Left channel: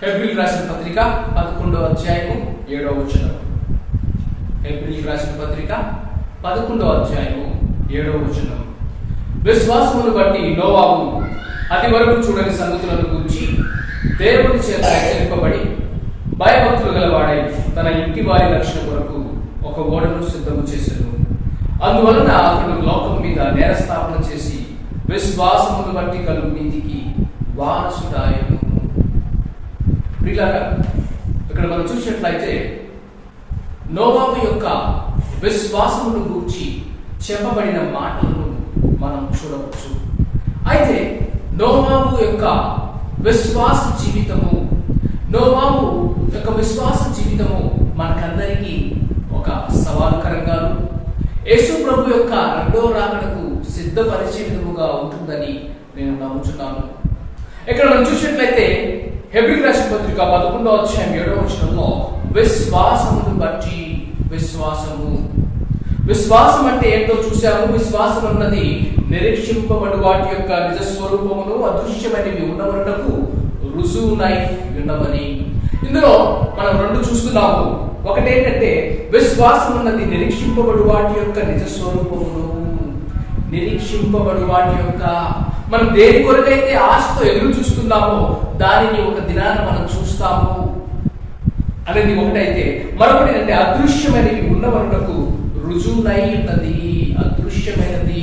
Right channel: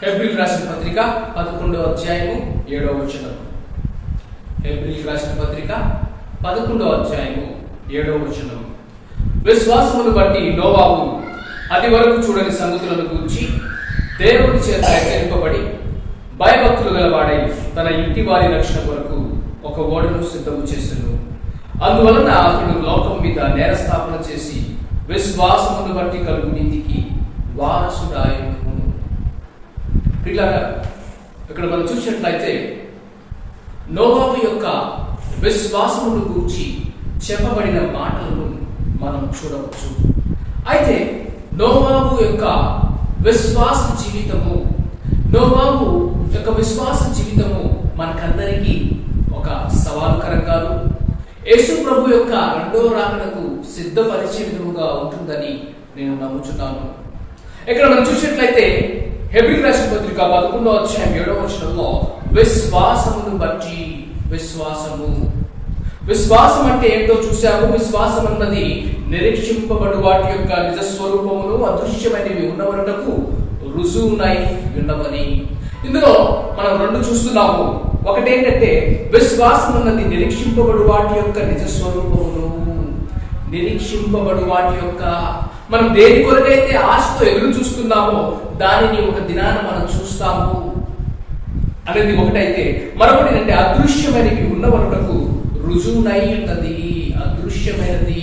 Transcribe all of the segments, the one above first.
హెబ్రీయులకు రాసిన పత్రిక 11వ అధ్యాయము 7వ వచనం. హెబ్రీయులకు రాసిన పత్రిక 11వ అధ్యాయము 7వ వచనం. విశ్వాసమును బట్టి నోవాహు అది వరకు చూడని సంగతులను గురించి దేవుని చేత హెచ్చరింపబడి భయభక్తులు గలవాడై తన ఇంటి వారి రక్షణ కొరకు ఒక ఓడను సిద్ధము చేసెను. అందువలన అతడు లోకం మీద నేరస్థాపన చేసి విశ్వాసమును బట్టి కలుగు నీతికి వారసుడాయను. ప్రియులారా, ఇక్కడ మనం చూసినట్లయితే నోవాహు యొక్క విశ్వాసమును గూర్చి చెప్పబడిన మాటలను మనం చూడవచ్చు. అయితే నోవాహు యొక్క విశ్వాస జీవితము మనకందరికీ ఒక సవాలుకరంగాను యేసు ప్రభు యొక్క రెండో రాకడకు సిద్ధపరిచే విధముగా ఉంటుందని నేను నమ్ముచున్నాను. ఇక్కడ మనం చూసినట్లయితే హెబ్రీయులకు రాసిన పత్రిక 11వ అధ్యాయం 7వ వచనంలో విశ్వాసమును బట్టి విశ్వాసం అంటే ఏంటో చూసాము. విశ్వాసం అన్నది నిరీక్షింపబడు వాటి యొక్క నిజ స్వరూపమును అదృశ్యమైనవి ఉన్నవరకు రుజువునై ఉన్నవని. ఇందులో మనం రెండు చూస్తున్నాము. ఒకటేంటంటే విశ్వాసం అన్నది నిరీక్షింపబడు వాటి యొక్క నిజ స్వరూపమును, నిరీక్షింపబడు వాటి యొక్క మనం దేని కొరకైతే ఆశతో ఎదురు చూస్తున్నామో దానిని ఒక దినాన మనం చూస్తాము అనేది ఒకటైతే, మరొకటి అంటే అదృశ్యమైనవి ఉన్నవరకు రుజువునై ఉన్నది. అదృశ్యమైనది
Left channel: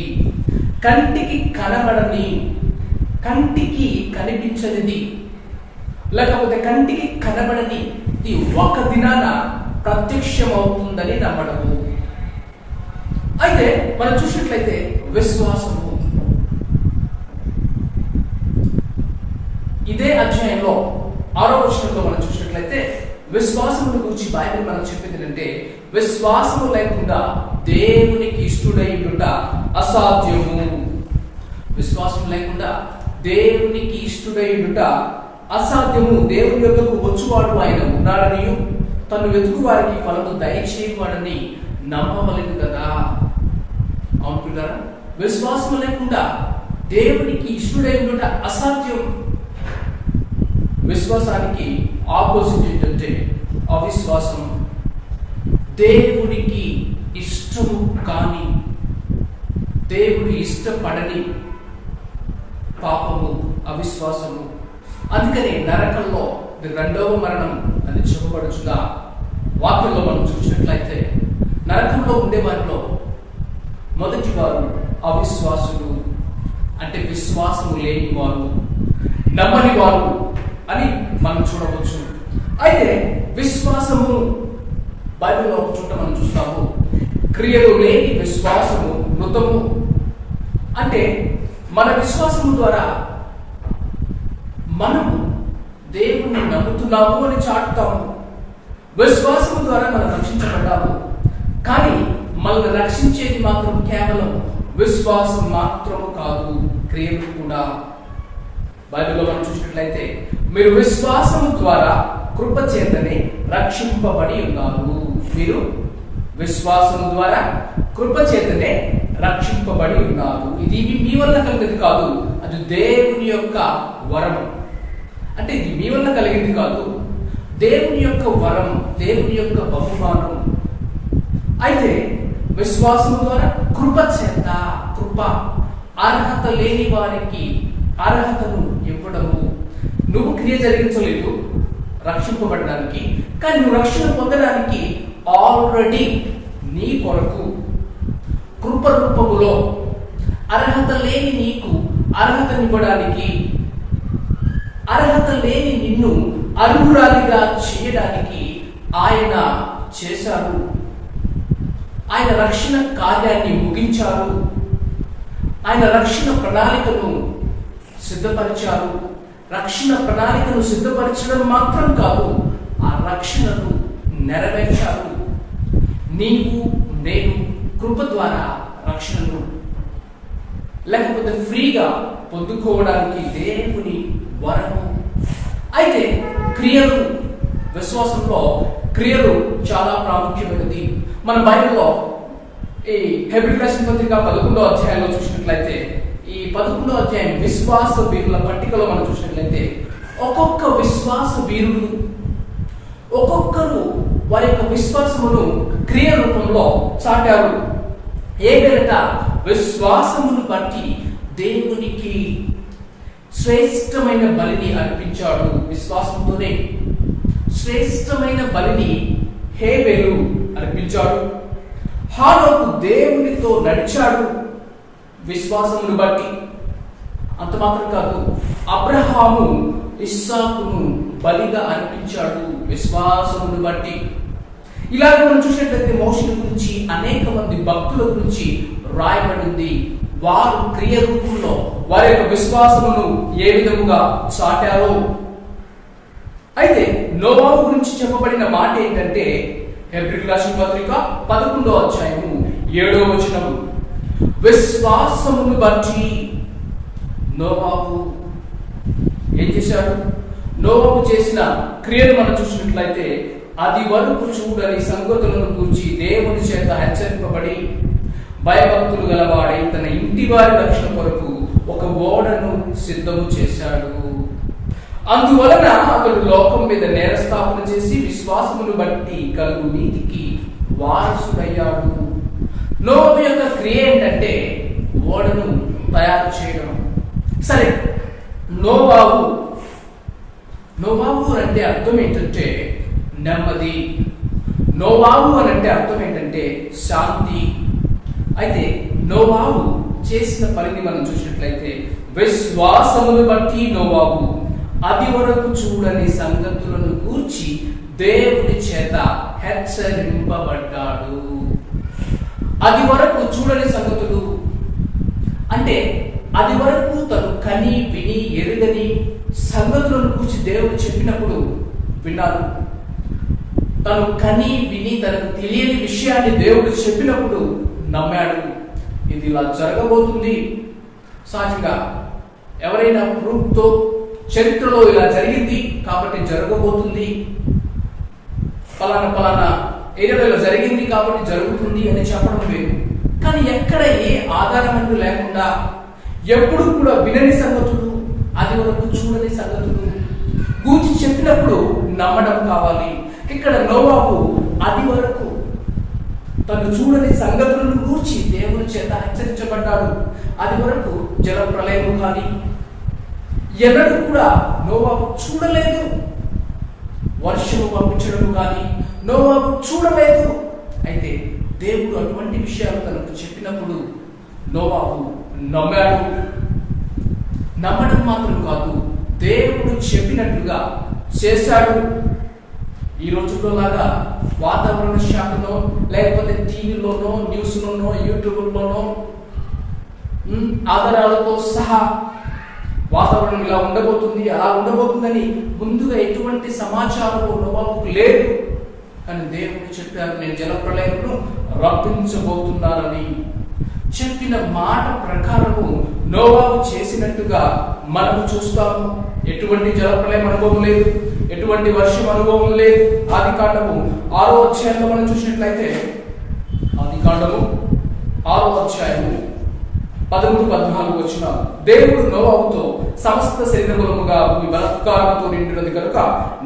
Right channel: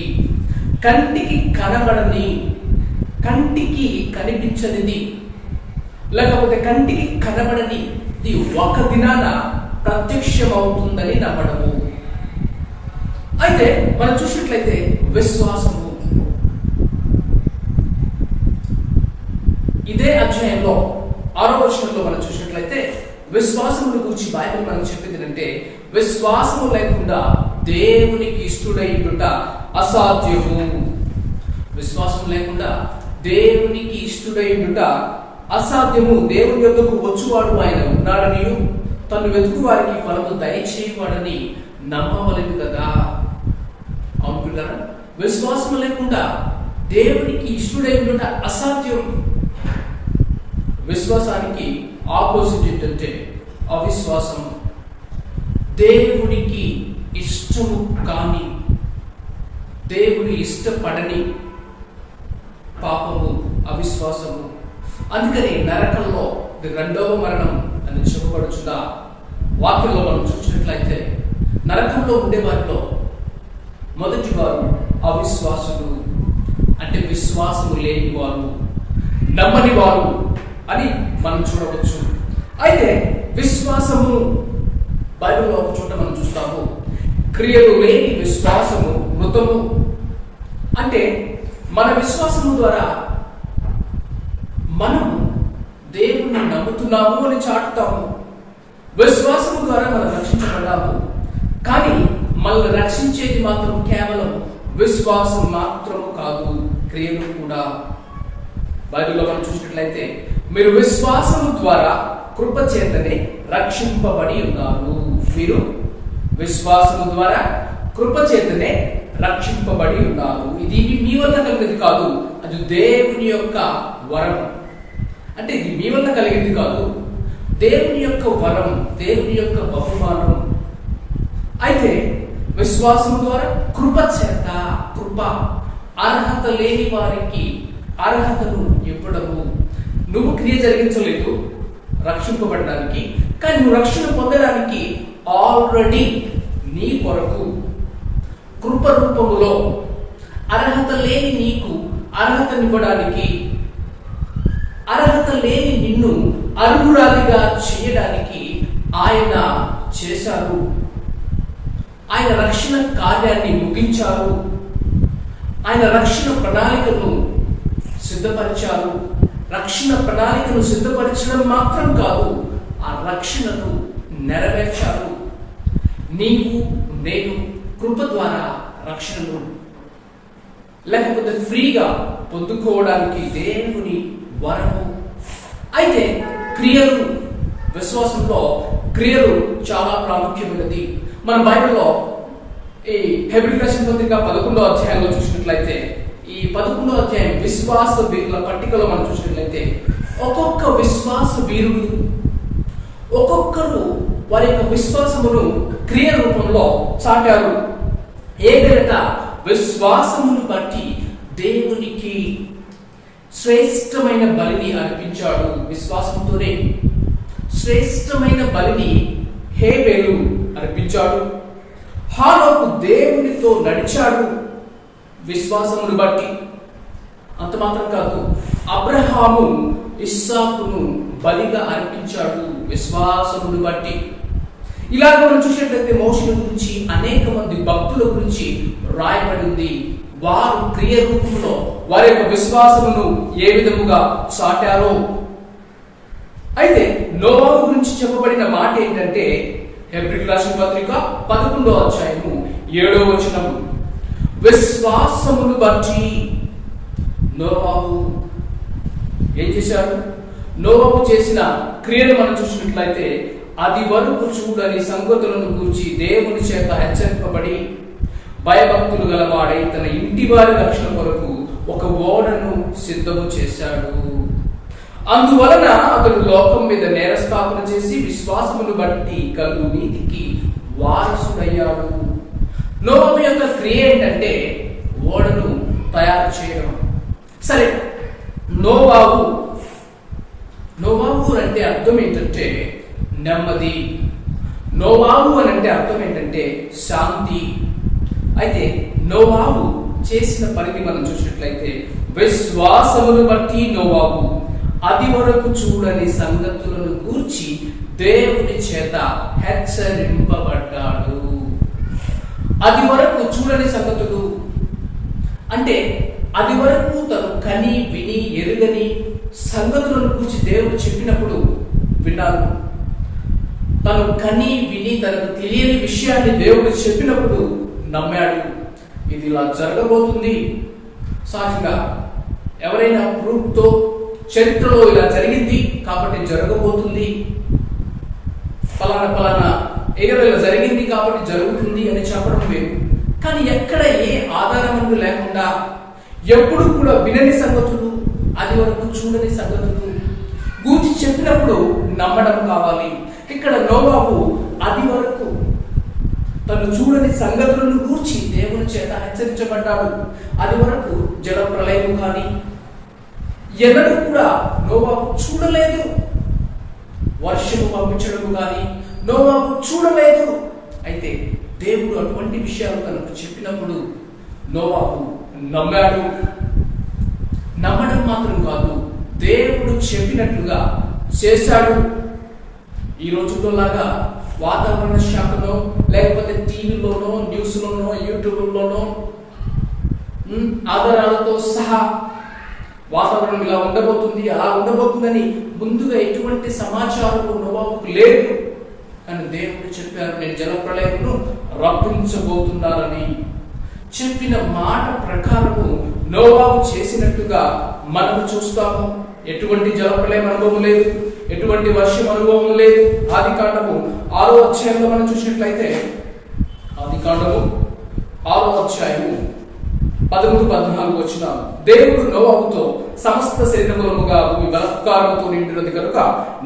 కంటికి కనబడని, కంటికి కనిపించనిది, లేకపోతే కంటికి కనబడని ఒక దినాన ప్రత్యక్షమవుతుందని నమ్మడము. అయితే మనం చూసినట్లయితే విశ్వాసము ఇదే అధ్యాయంలో 6వ వచనంలో మనం చూసినట్లయితే విశ్వాసమును గురించి బైబిల్ మనం చెప్పింది అంటే విశ్వాసము లేకుండా దేవునికి ఇష్టడై ఉండుట అసాధ్యము. విశ్వాసం లేకుండా దేవునికి ఇష్టడై ఉండుట అసాధ్యము. దేవుని యొద్దకు వచ్చువాడు ఆయన ఉన్నాడనియు తను వెతుకు వారికి ఫలము దయచేయవాడని నమ్మవలెను కదా. అవును పిల్లరా, విశ్వాసం లేకుండా దేవునికి ఇష్టడై ఉండుట అసాధ్యం. విశ్వాసానికి ఆపోజిట్ ఏంటంటే అవిశ్వాసం. దేవునికి ఇష్టము కాని, దేవుడు ఇష్టపడని పాపము అవిశ్వాసము. అందుకని నరకంలో రెండవ మరణం అని చెప్పబడుచున్న వాక్యంలో మనం చూసినట్లయితే నరకంలో ఉండే వారిలో మొదటి వారు అవిశ్వాసులు, అంటే విశ్వాసము లేని వారు, నమ్మని వారు అని మనం చూడవచ్చు. అయితే విశ్వాసము బైబిల్లో ఒక చోట మనం చూస్తాము, క్రియలు లేని విశ్వాసము మృతము. అంటే మన విశ్వాసము ద్వారా మనము దేవుణ్ణి నమ్ముతున్నాము అని చాటుతాము. విశ్వాసము ద్వారా మనం రక్షించబడ్డాము. కానీ మనల్ని రక్షించేది మాత్రం కేవలం విశ్వాసం మాత్రము కాదు, క్రియలు కూడా. బైబిల్లో మనం చూసినట్లయితే మీరు విశ్వాసము ద్వారా కృప చేతనే రక్షింపబడి ఉన్నారు. మీరు విశ్వాసము ద్వారా కృప చేతనే రక్షింపబడి ఉన్నారు. ఇది మీ వల్ల కలిగింది కాదు, అది దేవుని యొక్క వరం. అంటే ఇది మీ వల్ల కలిగింది కాదు, దేవుని యొక్క వరం, దేవుని యొక్క బహుమానం. అయితే విశ్వాసము ద్వారా కృప చేత, కృప అర్హత లేని వారికి అర్హతను ఇవ్వడము. నువ్వు క్రియ జరిగించలేదు రక్షింపబడడానికి, కానీ నువ్వు రక్షణ పొందడానికి ఆల్రెడీ నీ కొరకు కృప రూపములో అర్హత లేని నీకు అర్హతనివ్వడానికి, అర్హత లేని నిన్ను అర్హురాలిగా చేయడానికి ఆయన చేశారు. ఆయన రక్షణ కార్యాన్ని ముగించారు. ఆయన రక్షణ ప్రణాళికను సిద్ధపరిచారు. రక్షణ ప్రణాళికను సిద్ధపరచడం మాత్రం కాదు, ఆ రక్షణను నెరవేర్చారు. నీవు నేను కృప ద్వారా రక్షణను లేకపోతే ఫ్రీగా పొందుకోవడానికి దేవుని వరము. అయితే క్రియలు, విశ్వాసంలో క్రియలు చాలా ప్రాముఖ్యమైనది. మన బైబిల్లో ఈ హెబ్రీయులకు రాసిన పత్రిక 11వ అధ్యాయంలో చూసినట్లయితే, ఈ 11వ అధ్యాయం విశ్వాస వీరుల పట్టికలో మనం చూసినట్లయితే ఒక్కొక్క విశ్వాస వీరుడు ఒక్కొక్కరు వారి యొక్క విశ్వాసమును క్రియ రూపంలో చాటారు. ఏగనక విశ్వాసమును బట్టి దేవునికి శ్రేష్టమైన బలిని అర్పించాడు. విశ్వాసంతోనే శ్రేష్టమైన బలిని హేబేలు అర్పించాడు. హానోకు దేవునితో నడిచాడు విశ్వాసమును బట్టి. అంత మాత్రం కాదు, అబ్రహాము ఇస్సాకును బలిగా అర్పించాడు విశ్వాసమును బట్టి. ఇలాగ మనం చూసినట్లయితే మోషేల గురించి అనేక మంది భక్తుల గురించి రాయబడింది. వారు క్రియ రూపంలో వారి యొక్క విశ్వాసమును ఏ విధముగా చాటారో. అయితే నోవాహు గురించి చెప్పబడిన మాట ఏంటంటే హెబ్రీయులకు రాసిన పత్రిక 11వ అధ్యాయము 7వ వచనం, విశ్వాసమును బట్టి నోవాహు ఏం చేశాడు? నోవాహు చేసిన క్రియలు మనం చూసినట్లయితే అది వరకు చూడని సంగతులను గురించి దేవుని చేత హెచ్చరింపబడి భయభక్తులు గలవాడై తన ఇంటి వారి రక్షణ కొరకు ఒక ఓడను సిద్ధము చేశాడు. అందువలన అతడు లోకం మీద నేరస్థాపన చేసి విశ్వాసమును బట్టి కలుగు నీతికి వారసుడయ్యాడు. నోవాహు యొక్క క్రియ ఏంటంటే ఓడను తయారు చేయడం. సరే, నోవాహు అంటే అర్థం ఏంటంటే నెమ్మది. నోవాహు అని అంటే అర్థం ఏంటంటే శాంతి. అయితే నోవాహు చేసిన పనిని మనం చూసినట్లయితే విశ్వాసమును బట్టి నోవాహు అది వరకు చూడని సంగతులను గూర్చి దేవుని చేత హెచ్చరింపబడ్డాడు. అది వరకు చూడని సంగతులు అంటే అది వరకు తను కని విని ఎరుగని సంగతులను గూర్చి దేవుడు చెప్పినప్పుడు విన్నారు. తను కని విని తనకు తెలియని విషయాన్ని దేవుడు చెప్పినప్పుడు నమ్మాడు. ఇది ఇలా జరగబోతుంది. సహజంగా ఎవరైనా ప్రూఫ్తో చరిత్రలో ఇలా జరిగింది కాబట్టి జరగబోతుంది, ఫలానా ఏరియాలో ఇలా జరిగింది కాబట్టి జరుగుతుంది అని చెప్పడం వేరు. కానీ ఎక్కడ ఏ ఆధారం అంటూ లేకుండా ఎప్పుడు కూడా వినని సంగతులు, అది వరకు చూడని సంగతులు గూర్చి చెప్పినప్పుడు నమ్మడం కావాలి. ఇక్కడ నోవాహు అది వరకు తను చూడని సంగతులను గూర్చి దేవుని చేత హెచ్చరించబడ్డాడు. అది వరకు జల ప్రళయం కానీ ఎన్నడూ కూడా నోవాహు చూడలేదు. వర్షము పంపించడం కానీ నోవాహు చూడలేదు. అయితే దేవుడు అటువంటి విషయాలు తనకు చెప్పినప్పుడు నోవాహు నమ్మాడు. నమ్మడం మాత్రం కాదు, దేవుడు చెప్పినట్లుగా చేశాడు. ఈ రోజుల్లో లాగా వాతావరణ శాఖలో లేకపోతే టీవీలోనో న్యూస్లోనో యూట్యూబ్లోనో ఆధారాలతో సహా వాతావరణం ఇలా ఉండబోతుంది అలా ఉండబోతుందని ముందుగా ఎటువంటి సమాచారం నోవాహుకు లేదు. కానీ దేవుడు చెప్పారు, నేను జలప్రళయమును రప్పించబోతున్నానని. చెప్పిన మాట ప్రకారము నోవాహు చేసినట్టుగా మనము చూస్తాము. ఎటువంటి జలప్రళయం అనుభవం లేదు, ఎటువంటి వర్షం అనుభవం లేదు. ఆదికాండము 6వ అధ్యాయంలో మనం చూసినట్లయితే ఆదికాండము 6వ అధ్యాయము 13-14 వచ్చిన దేవుడు నోవాహుతో సమస్త శరీరములుగా భూమి బలాత్కారముతో నిండినది కనుక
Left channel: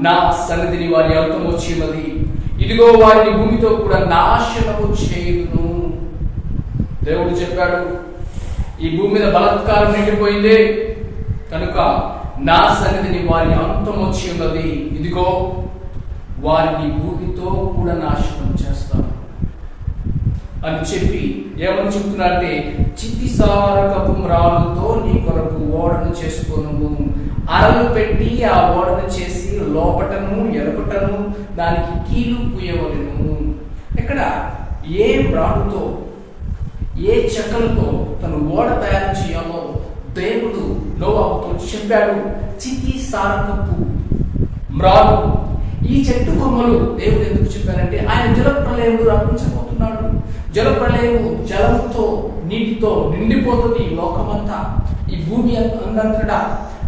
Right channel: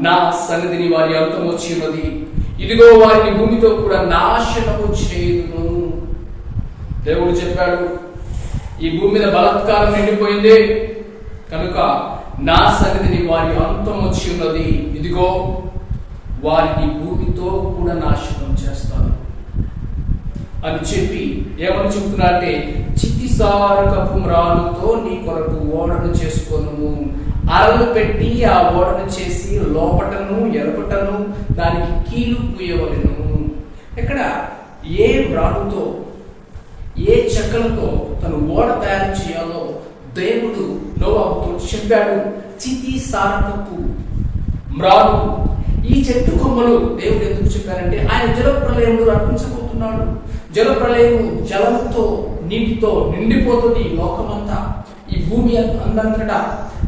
నా సన్నిధిని వారి అంతం వచ్చి ఉన్నది. ఇదిగో వారిని భూమితో కూడా నాశనము చేయుదును. దేవుడు చెప్పాడు, ఈ భూమి మీద బలాత్కారం నిండిపోయింది కనుక నా సన్నిధిని వారి అంతం వచ్చి ఉన్నది. ఇదిగో వారిని భూమితో కూడా నాశనం చేస్తాను అని చెప్పి ఏమని చెబుతున్నారంటే, చిత్తిసారకపు మ్రానుతో నీ కొరకు ఓడను చేసుకొనుము. అరలు పెట్టి ఆ ఓడను చేసి లోపటను ఎరపటను దానికి కీలు పూయవలెను. ఇక్కడ ఏ మ్రానుతో ఏ చెక్కలతో తను ఓడ తయారు చేయాలో దేవుడు నోవాహుతో చెప్పాడు. చిత్తిసారకపు మ్రాను. ఈ చెట్టు కొమ్మలు దేవుడు ఎందుకు చెప్పారంటే ఆయన జలప్రళయంలో రప్పించబోతున్నాడు. జలప్రళయం జలంతో నీటితో నిండిపోతుంది లోకమంతా, ఈ భూమి అందంతటా.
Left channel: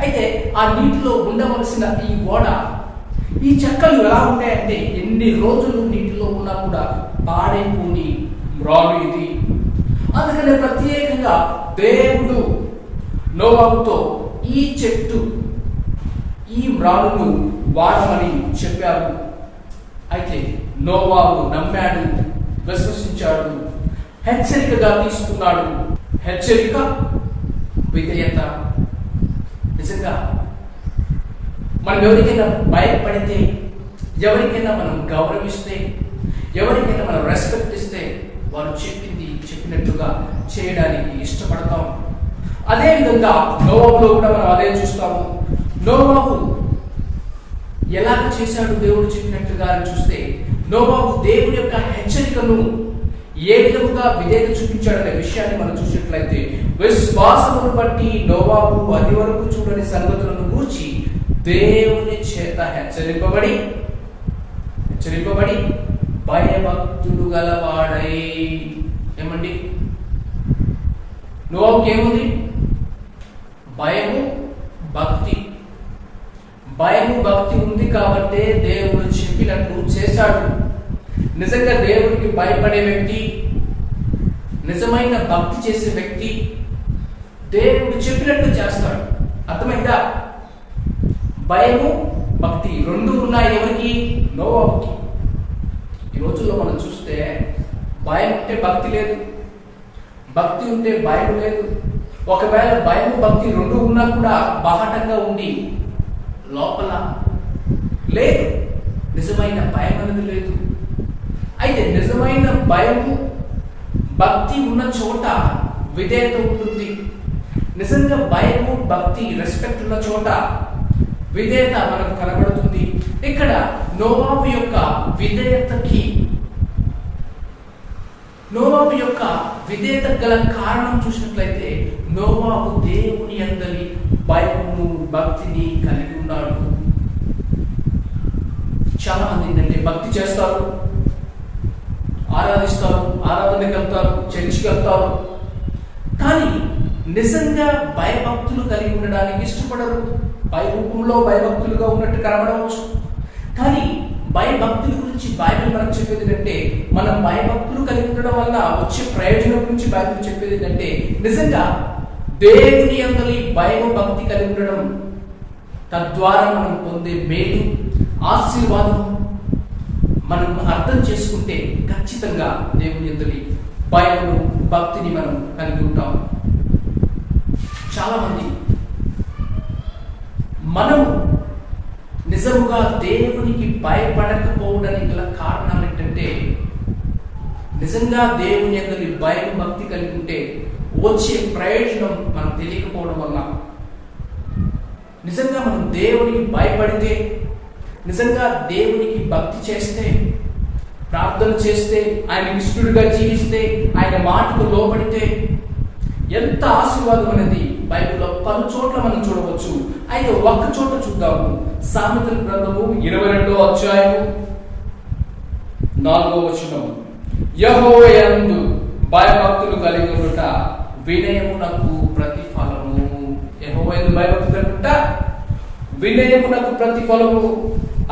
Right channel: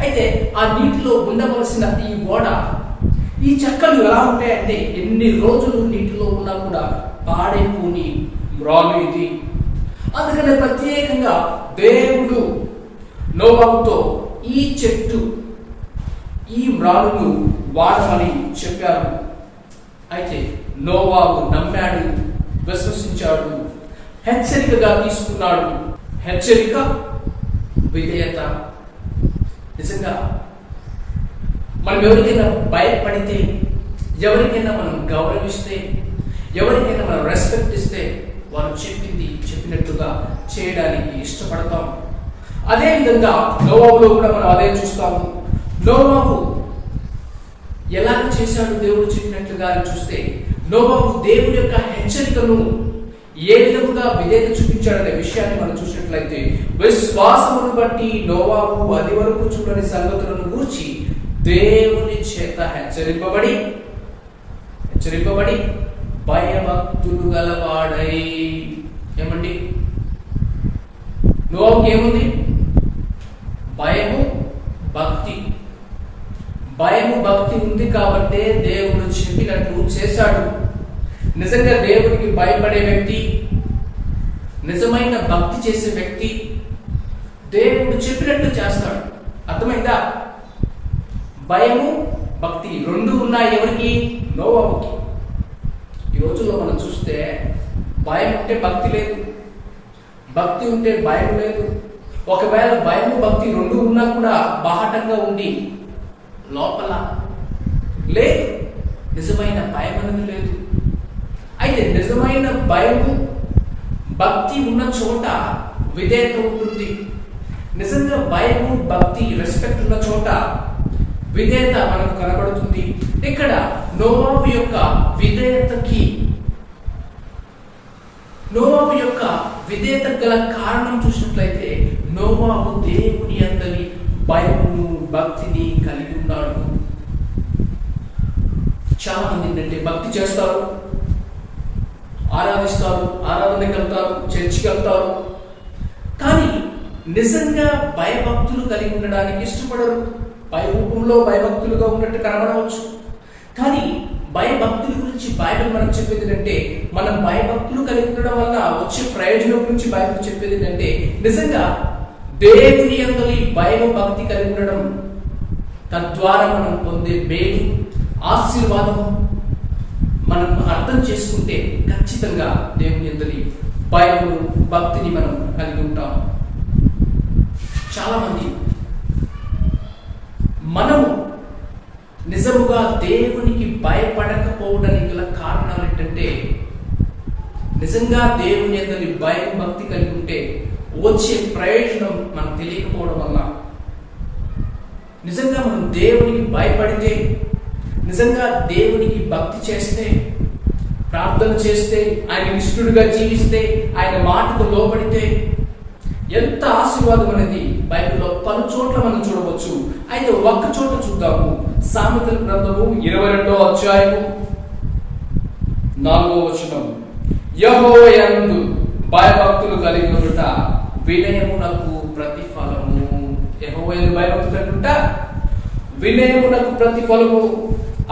అయితే ఆ నీటిలో ఉండవలసిన ఈ ఓడ, ఈ చెక్కలు ఎలా ఉంటాయంటే ఎన్ని రోజులు నీటిలో ఉన్నా కూడా పాడైపోని మ్రాను ఇది. అందుకనే ప్రత్యేకంగా దేవుడు నోవాహుతో ఈ చెట్టు, ఈ మ్రానును వాడమని చెప్పారు. అయితే నోవాహు నమ్మాడు, విశ్వసించాడు, హెచ్చరికగా తీసుకున్నాడు. హెచ్చరిక, విధేయత. నిజంగా మనం ఎవరికైనా భయపడితే, ఎవరికైనా మనం గౌరవిస్తే, ఎవరికైనా మనం రెస్పెక్ట్ ఇస్తే వారు చెప్పింది చెప్పినట్టుగా చేయడానికి ఇష్టపడతాం. అదే విధంగా నోవాహులో కూడా మనం అదే చూస్తాము. నోవాహు ఎలా చేశాడు దేవుడు చెప్పినట్లుగా అని చూస్తే, నోవాహు దేవుని యొక్క హెచ్చరికను ఏ విధముగా విధేయత చూపించాడనే విషయాన్ని మనం చూసినట్లయితే, విశ్వాసమును బట్టి నోవాహు అది వరకు చూడని సంగతులను గూర్చి దేవుని చేత హెచ్చరింపబడి భయభక్తులు గలవాడై. ఏమండి, నోవాహుకి ఏముంది? భయము భక్తి. భయము భక్తి ఉంది కాబట్టే దేవుడు చెప్పినట్లు చేశాడు. నిజంగా దేవుడికి భయపడే వ్యక్తి, నిజమైన భక్తి చేసే వ్యక్తి దేవుడు చెప్పినట్లు చేస్తాడు. అర్థమైందా? భయము భక్తి రెండు ఉన్నాయి. ఎవరికి? నోవాహుకి. ఈ రోజుల్లో మనం చూస్తే భయం ఉంటే భక్తి లేదు, భక్తి ఉంటే భయం లేదు. ఒకవేళ భయము భక్తి రెండు ఉన్నా కూడా బాహటంగా ఉండి లోపల లేదు, నిజమైన భయం అనేది లేదు. అయితే నిజమైన భయము భక్తి ఉన్న చోట విధేయత ఉంటుంది. నిజంగా భయము భక్తి రెస్పెక్ట్ ఉన్న చోట విధేయత మనకు కనబడుతుంది. ఇక్కడ నోవాహు యొక్క విధేయత గల కారణం చూసినట్లయితే, నోవాహు దేవుని అందరి భయమును భక్తిని కలిగి ఉన్నాడు. చాలా మంది ఏంటంటే భక్తి చేస్తారు, ఆరాధిస్తారు, ఆరాధనకి వెళ్తారు, చర్చికి వెళ్తారు, కానీ నిజంగా భయభక్తులు కలిగి ఉండడానికి ఇష్టపడరు. రూపంలో భయభక్తులుగా ఉన్నట్టు కనబడవచ్చు, కానీ భయభక్తుల గురించి బైబిల్ మనకు చెప్పేది ఏంటంటే, మనం భయభక్తులు కలిగి ఉండడం వల్ల వచ్చే ప్రయోజనం గురించి బైబిల్ చెప్పేది ఏంటంటే, నిజంగా దేవుని అందరి భయం భక్తి కలిగి ఉండడం, తద్వారా మనం పొందే మేలు ఆశీర్వాదం మనం అర్థం చేసుకుంటే ఖచ్చితంగా దేవుని అందరి భయము భక్తిని మనం కలిగి ఉంటాం. చాలా మంది మనము నిజముగా దేవునికి భయపడకపోవడానికి గల కారణాలు ఏంటంటే, నిజంగా దేవుని అందరి భయం భక్తి కలిగి ఉంటే వచ్చే ప్రయోజనం మనకు తెలియకపోవడం వల్ల, నిజంగా మనం దేవునికి భయపడితే, నిజంగా దేవునికి భక్తి చేస్తే, ప్రార్థన చేస్తే, ఆయన ఇష్టడుగా జీవిస్తే, ఆయన మాటకు లోబడితే ఎంత ఆశీర్వాదం అనేది బైబిల్లో పలు చోట్ల మనం చూడవచ్చు. అయితే ఒక్క చోట చూద్దాము. సామెతల గ్రంథము 22వ అధ్యాయము 4వ వచనం. యెహోవా యందు భయభక్తులు కలిగి ఉండుట వినయమునకు ప్రతిఫలము. యెహోవా యందు భయభక్తులు కలిగి ఉండుట వినయమునకు ప్రతిఫలము.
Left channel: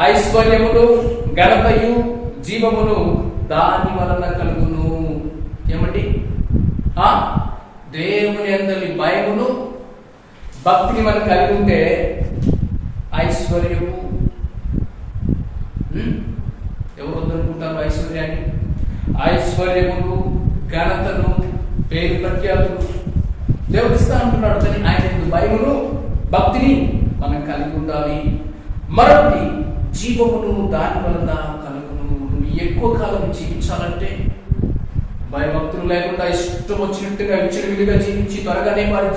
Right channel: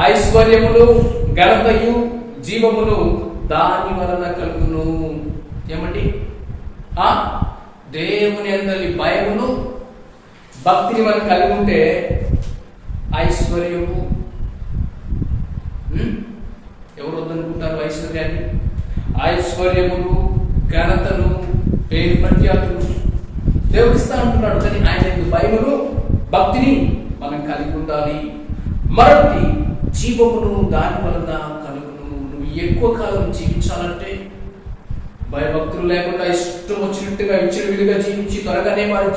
ఐశ్వర్యమును ఘనతయు జీవమును దాని వలన కలుగును. ఏమండి? దేవుని అందరి భయమును భక్తిని మనం కలిగి ఉంటే ఐశ్వర్యము, ఎవరు వద్దనుకుంటారు ఐశ్వర్యాన్ని? ఐశ్వర్యమును ఘనతను పేరు ప్రఖ్యాతులు దేవుడు ఇస్తా అంటున్నాడు. కానీ ఆయన భయమును భక్తిని మనం కలిగి ఉండాలి. మరొకటి జీవమును దాని వలన కలుగును. నువ్వు ఎక్కువ కాలం జీవించాలంటే భయభక్తులు లేకుండా ఇష్టం వచ్చినట్టుగా విచ్చలవిడిగా జీవించి త్వరగానే వారి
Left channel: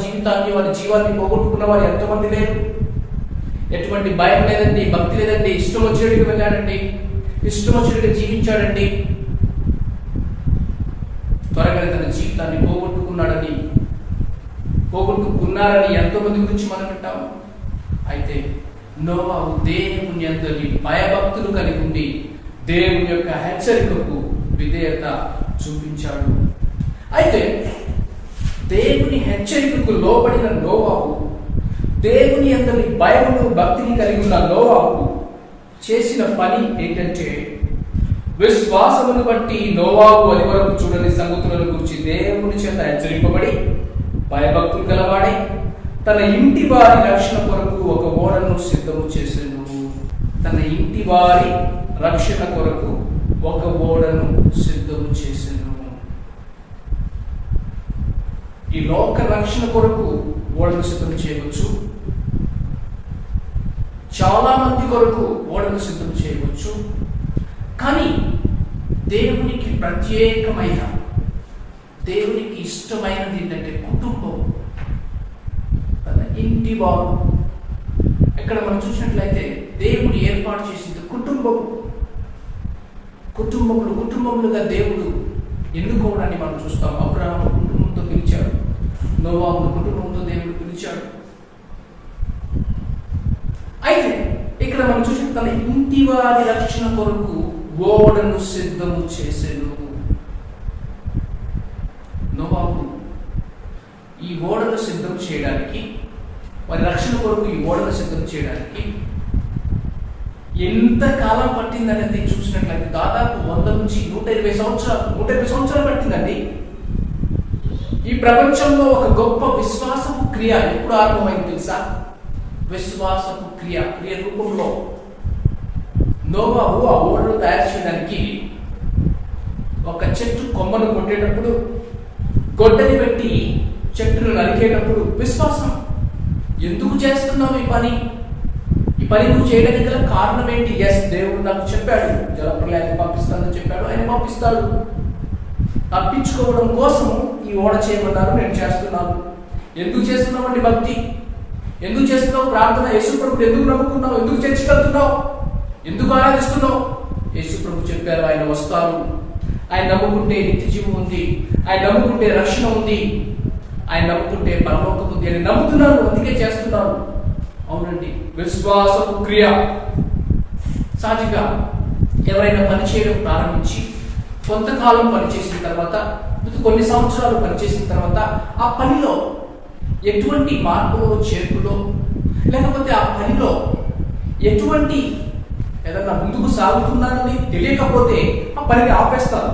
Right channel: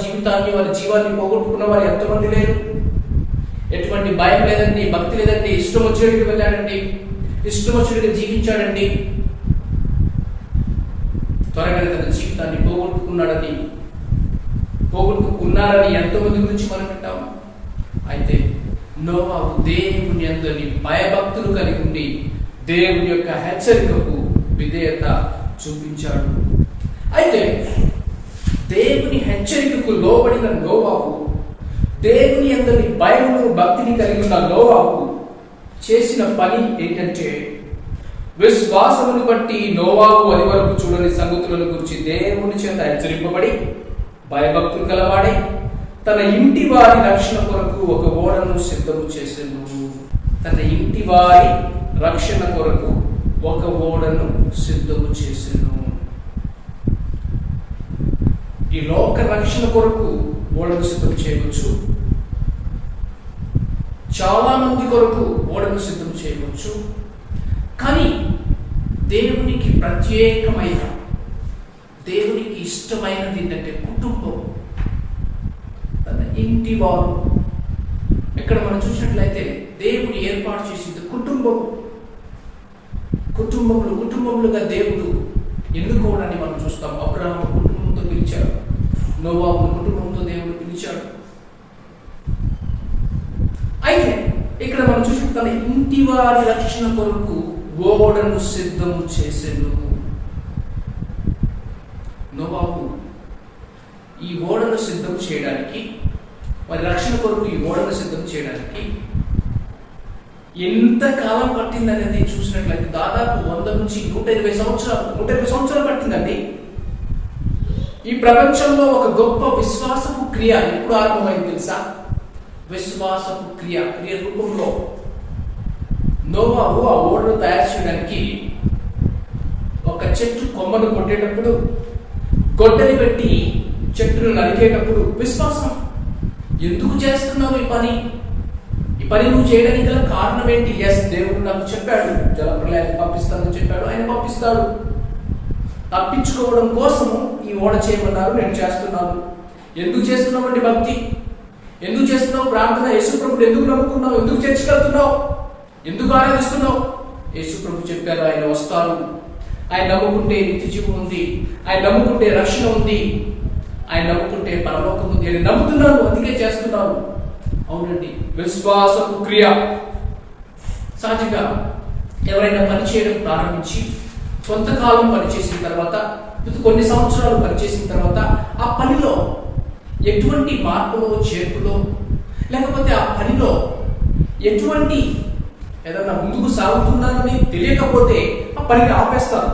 జీవాన్ని పోగొట్టుకున్న వారు ఎంతమంది లేరు? ఎటువంటి భయం లేదండి, భక్తి లేదండి, ఇష్టం వచ్చినట్టుగా వెళ్ళాడండి, ఇష్టం వచ్చినట్టుగా జీవించాడండి, త్వరగా తన జీవితాన్ని పోగొట్టుకున్నారని ఎంతో మంది గురించి మనం వింటాము. అయితే నోవాహు దేవుని అందరి భయభక్తులు కలిగి ఉండి దేవుని యొక్క హెచ్చరికకు విధేయత చూపించాడు. అయితే దేవుని హెచ్చరికకు లోబడిన నోవాహు, దేవుని అందరి భయమును భక్తిని కలిగి ఉన్న నోవాహు చేసిన పని ఏంటంటే, విశ్వాసమును బట్టి నోవాహు అది వరకు చూడని సంగతులను గురించి దేవుని చేత హెచ్చరింపబడి భయభక్తులు కలవాడై తన ఇంటి వారి రక్షణ కొరకు ఒక ఓడను సిద్ధము చేసెను. తన ఇంటి వారి రక్షణ కొరకు ఒక ఓడను సిద్ధము చేసెను. ఈ లోక రక్షణ కొరకు ఓడను సిద్ధం చేయవచ్చు, చాలా మంది కొరకు ఓడను సిద్ధం చేయవచ్చు. కానీ దేవునికి ప్రత్యేకమైన, దేవునికి ఇష్టమైనది ఏంటంటే కుటుంబం, తన ఇంటి వారు. ఇక్కడ మనం చూసినట్లయితే దేవుడు ఏర్పాటు చేసింది కుటుంబములుగా దేవుడు ఎన్నుకోవడాన్ని మనం చూస్తాం. అబ్రహాము కుటుంబంతో పిలిచాడు, నోవాహును కుటుంబంతో దేవుడు పిలిచాడు. అయితే ఇక్కడ మనం చూసిన తన ఇంటి వారి రక్షణ కొరకు ఓడను సిద్ధము చేసెను. నోవాహు ఈ ఓడను సిద్ధం చేయడానికి, వారి రక్షణ కొరకు ఈ ఓడను సిద్ధం చేయడానికి ఎంత కాలం పట్టిందనేది చూసినట్లయితే దాదాపు 100 నుంచి 120 సంవత్సరాలు పట్టిందండి. ఈ ప్రపంచంలో ఒక గొప్ప విశ్వాసపు క్రియ ఎప్పుడు ఆరంభమైంది తెలుసా? విశ్వాసపు క్రియ రూపంలో నోవాహు ఆ ఓడను తయారు చేయడానికి ఒక చెట్టు కొమ్మను కొట్టేటప్పుడు, గొడ్డలి పెట్టి చెట్టును నరికేటప్పుడు విశ్వాసం. ఎందుకు చేస్తున్నావు ఈ పని నువ్వు చేయడానికి గల కారణం ఏంటి? దేవుడు నాకు చెప్పాడు, జలప్రలయాన్ని పంపిస్తానని చెప్పాడు, ఆయన పంపిస్తాడు. తప్పించుకోవడం కోసము ఈ ఓడ చేయమన్నారు, నేను చేస్తున్నాను. ఎందుకు చేస్తున్నామండి భక్తి? ఎందుకు చేస్తున్నావు ప్రార్థన? యేసుప్రభుడు ఎందుకు నమ్ముకున్నావు? ఎందుకు చర్చకెళ్తున్నావు? ఎందుకు ఆరాధిస్తున్నావు? యేసుప్రభు చెప్పారు, ఆయన వస్తారు, ఆయన నమ్ముకుంటే నిత్య జీవం ఉంది, ఆయన నమ్ముకుంటే రక్షణ ఉంది, ఆయన నమ్ముకుంటే పరలోకం ఉంది అని నమ్ముతున్నాను, అందుకే చేస్తున్నాను. అవునండి, విశ్వాసపు క్రియ. సహజంగా ఎవరైనా పని చేయడం ప్రారంభించి కొంతకాలం పనిచేసిన తర్వాత, కొన్ని సంవత్సరాలు పనిచేసిన తర్వాత ఆ పనిలో ఎటువంటి మార్పులో చేర్పులో, లేకపోతే ఆ పనిలో ఎటువంటి ఏదన్నా ముందుకు సాగుతున్నానని తెలియకపోతే ఆ పనిని ఆపేస్తారు.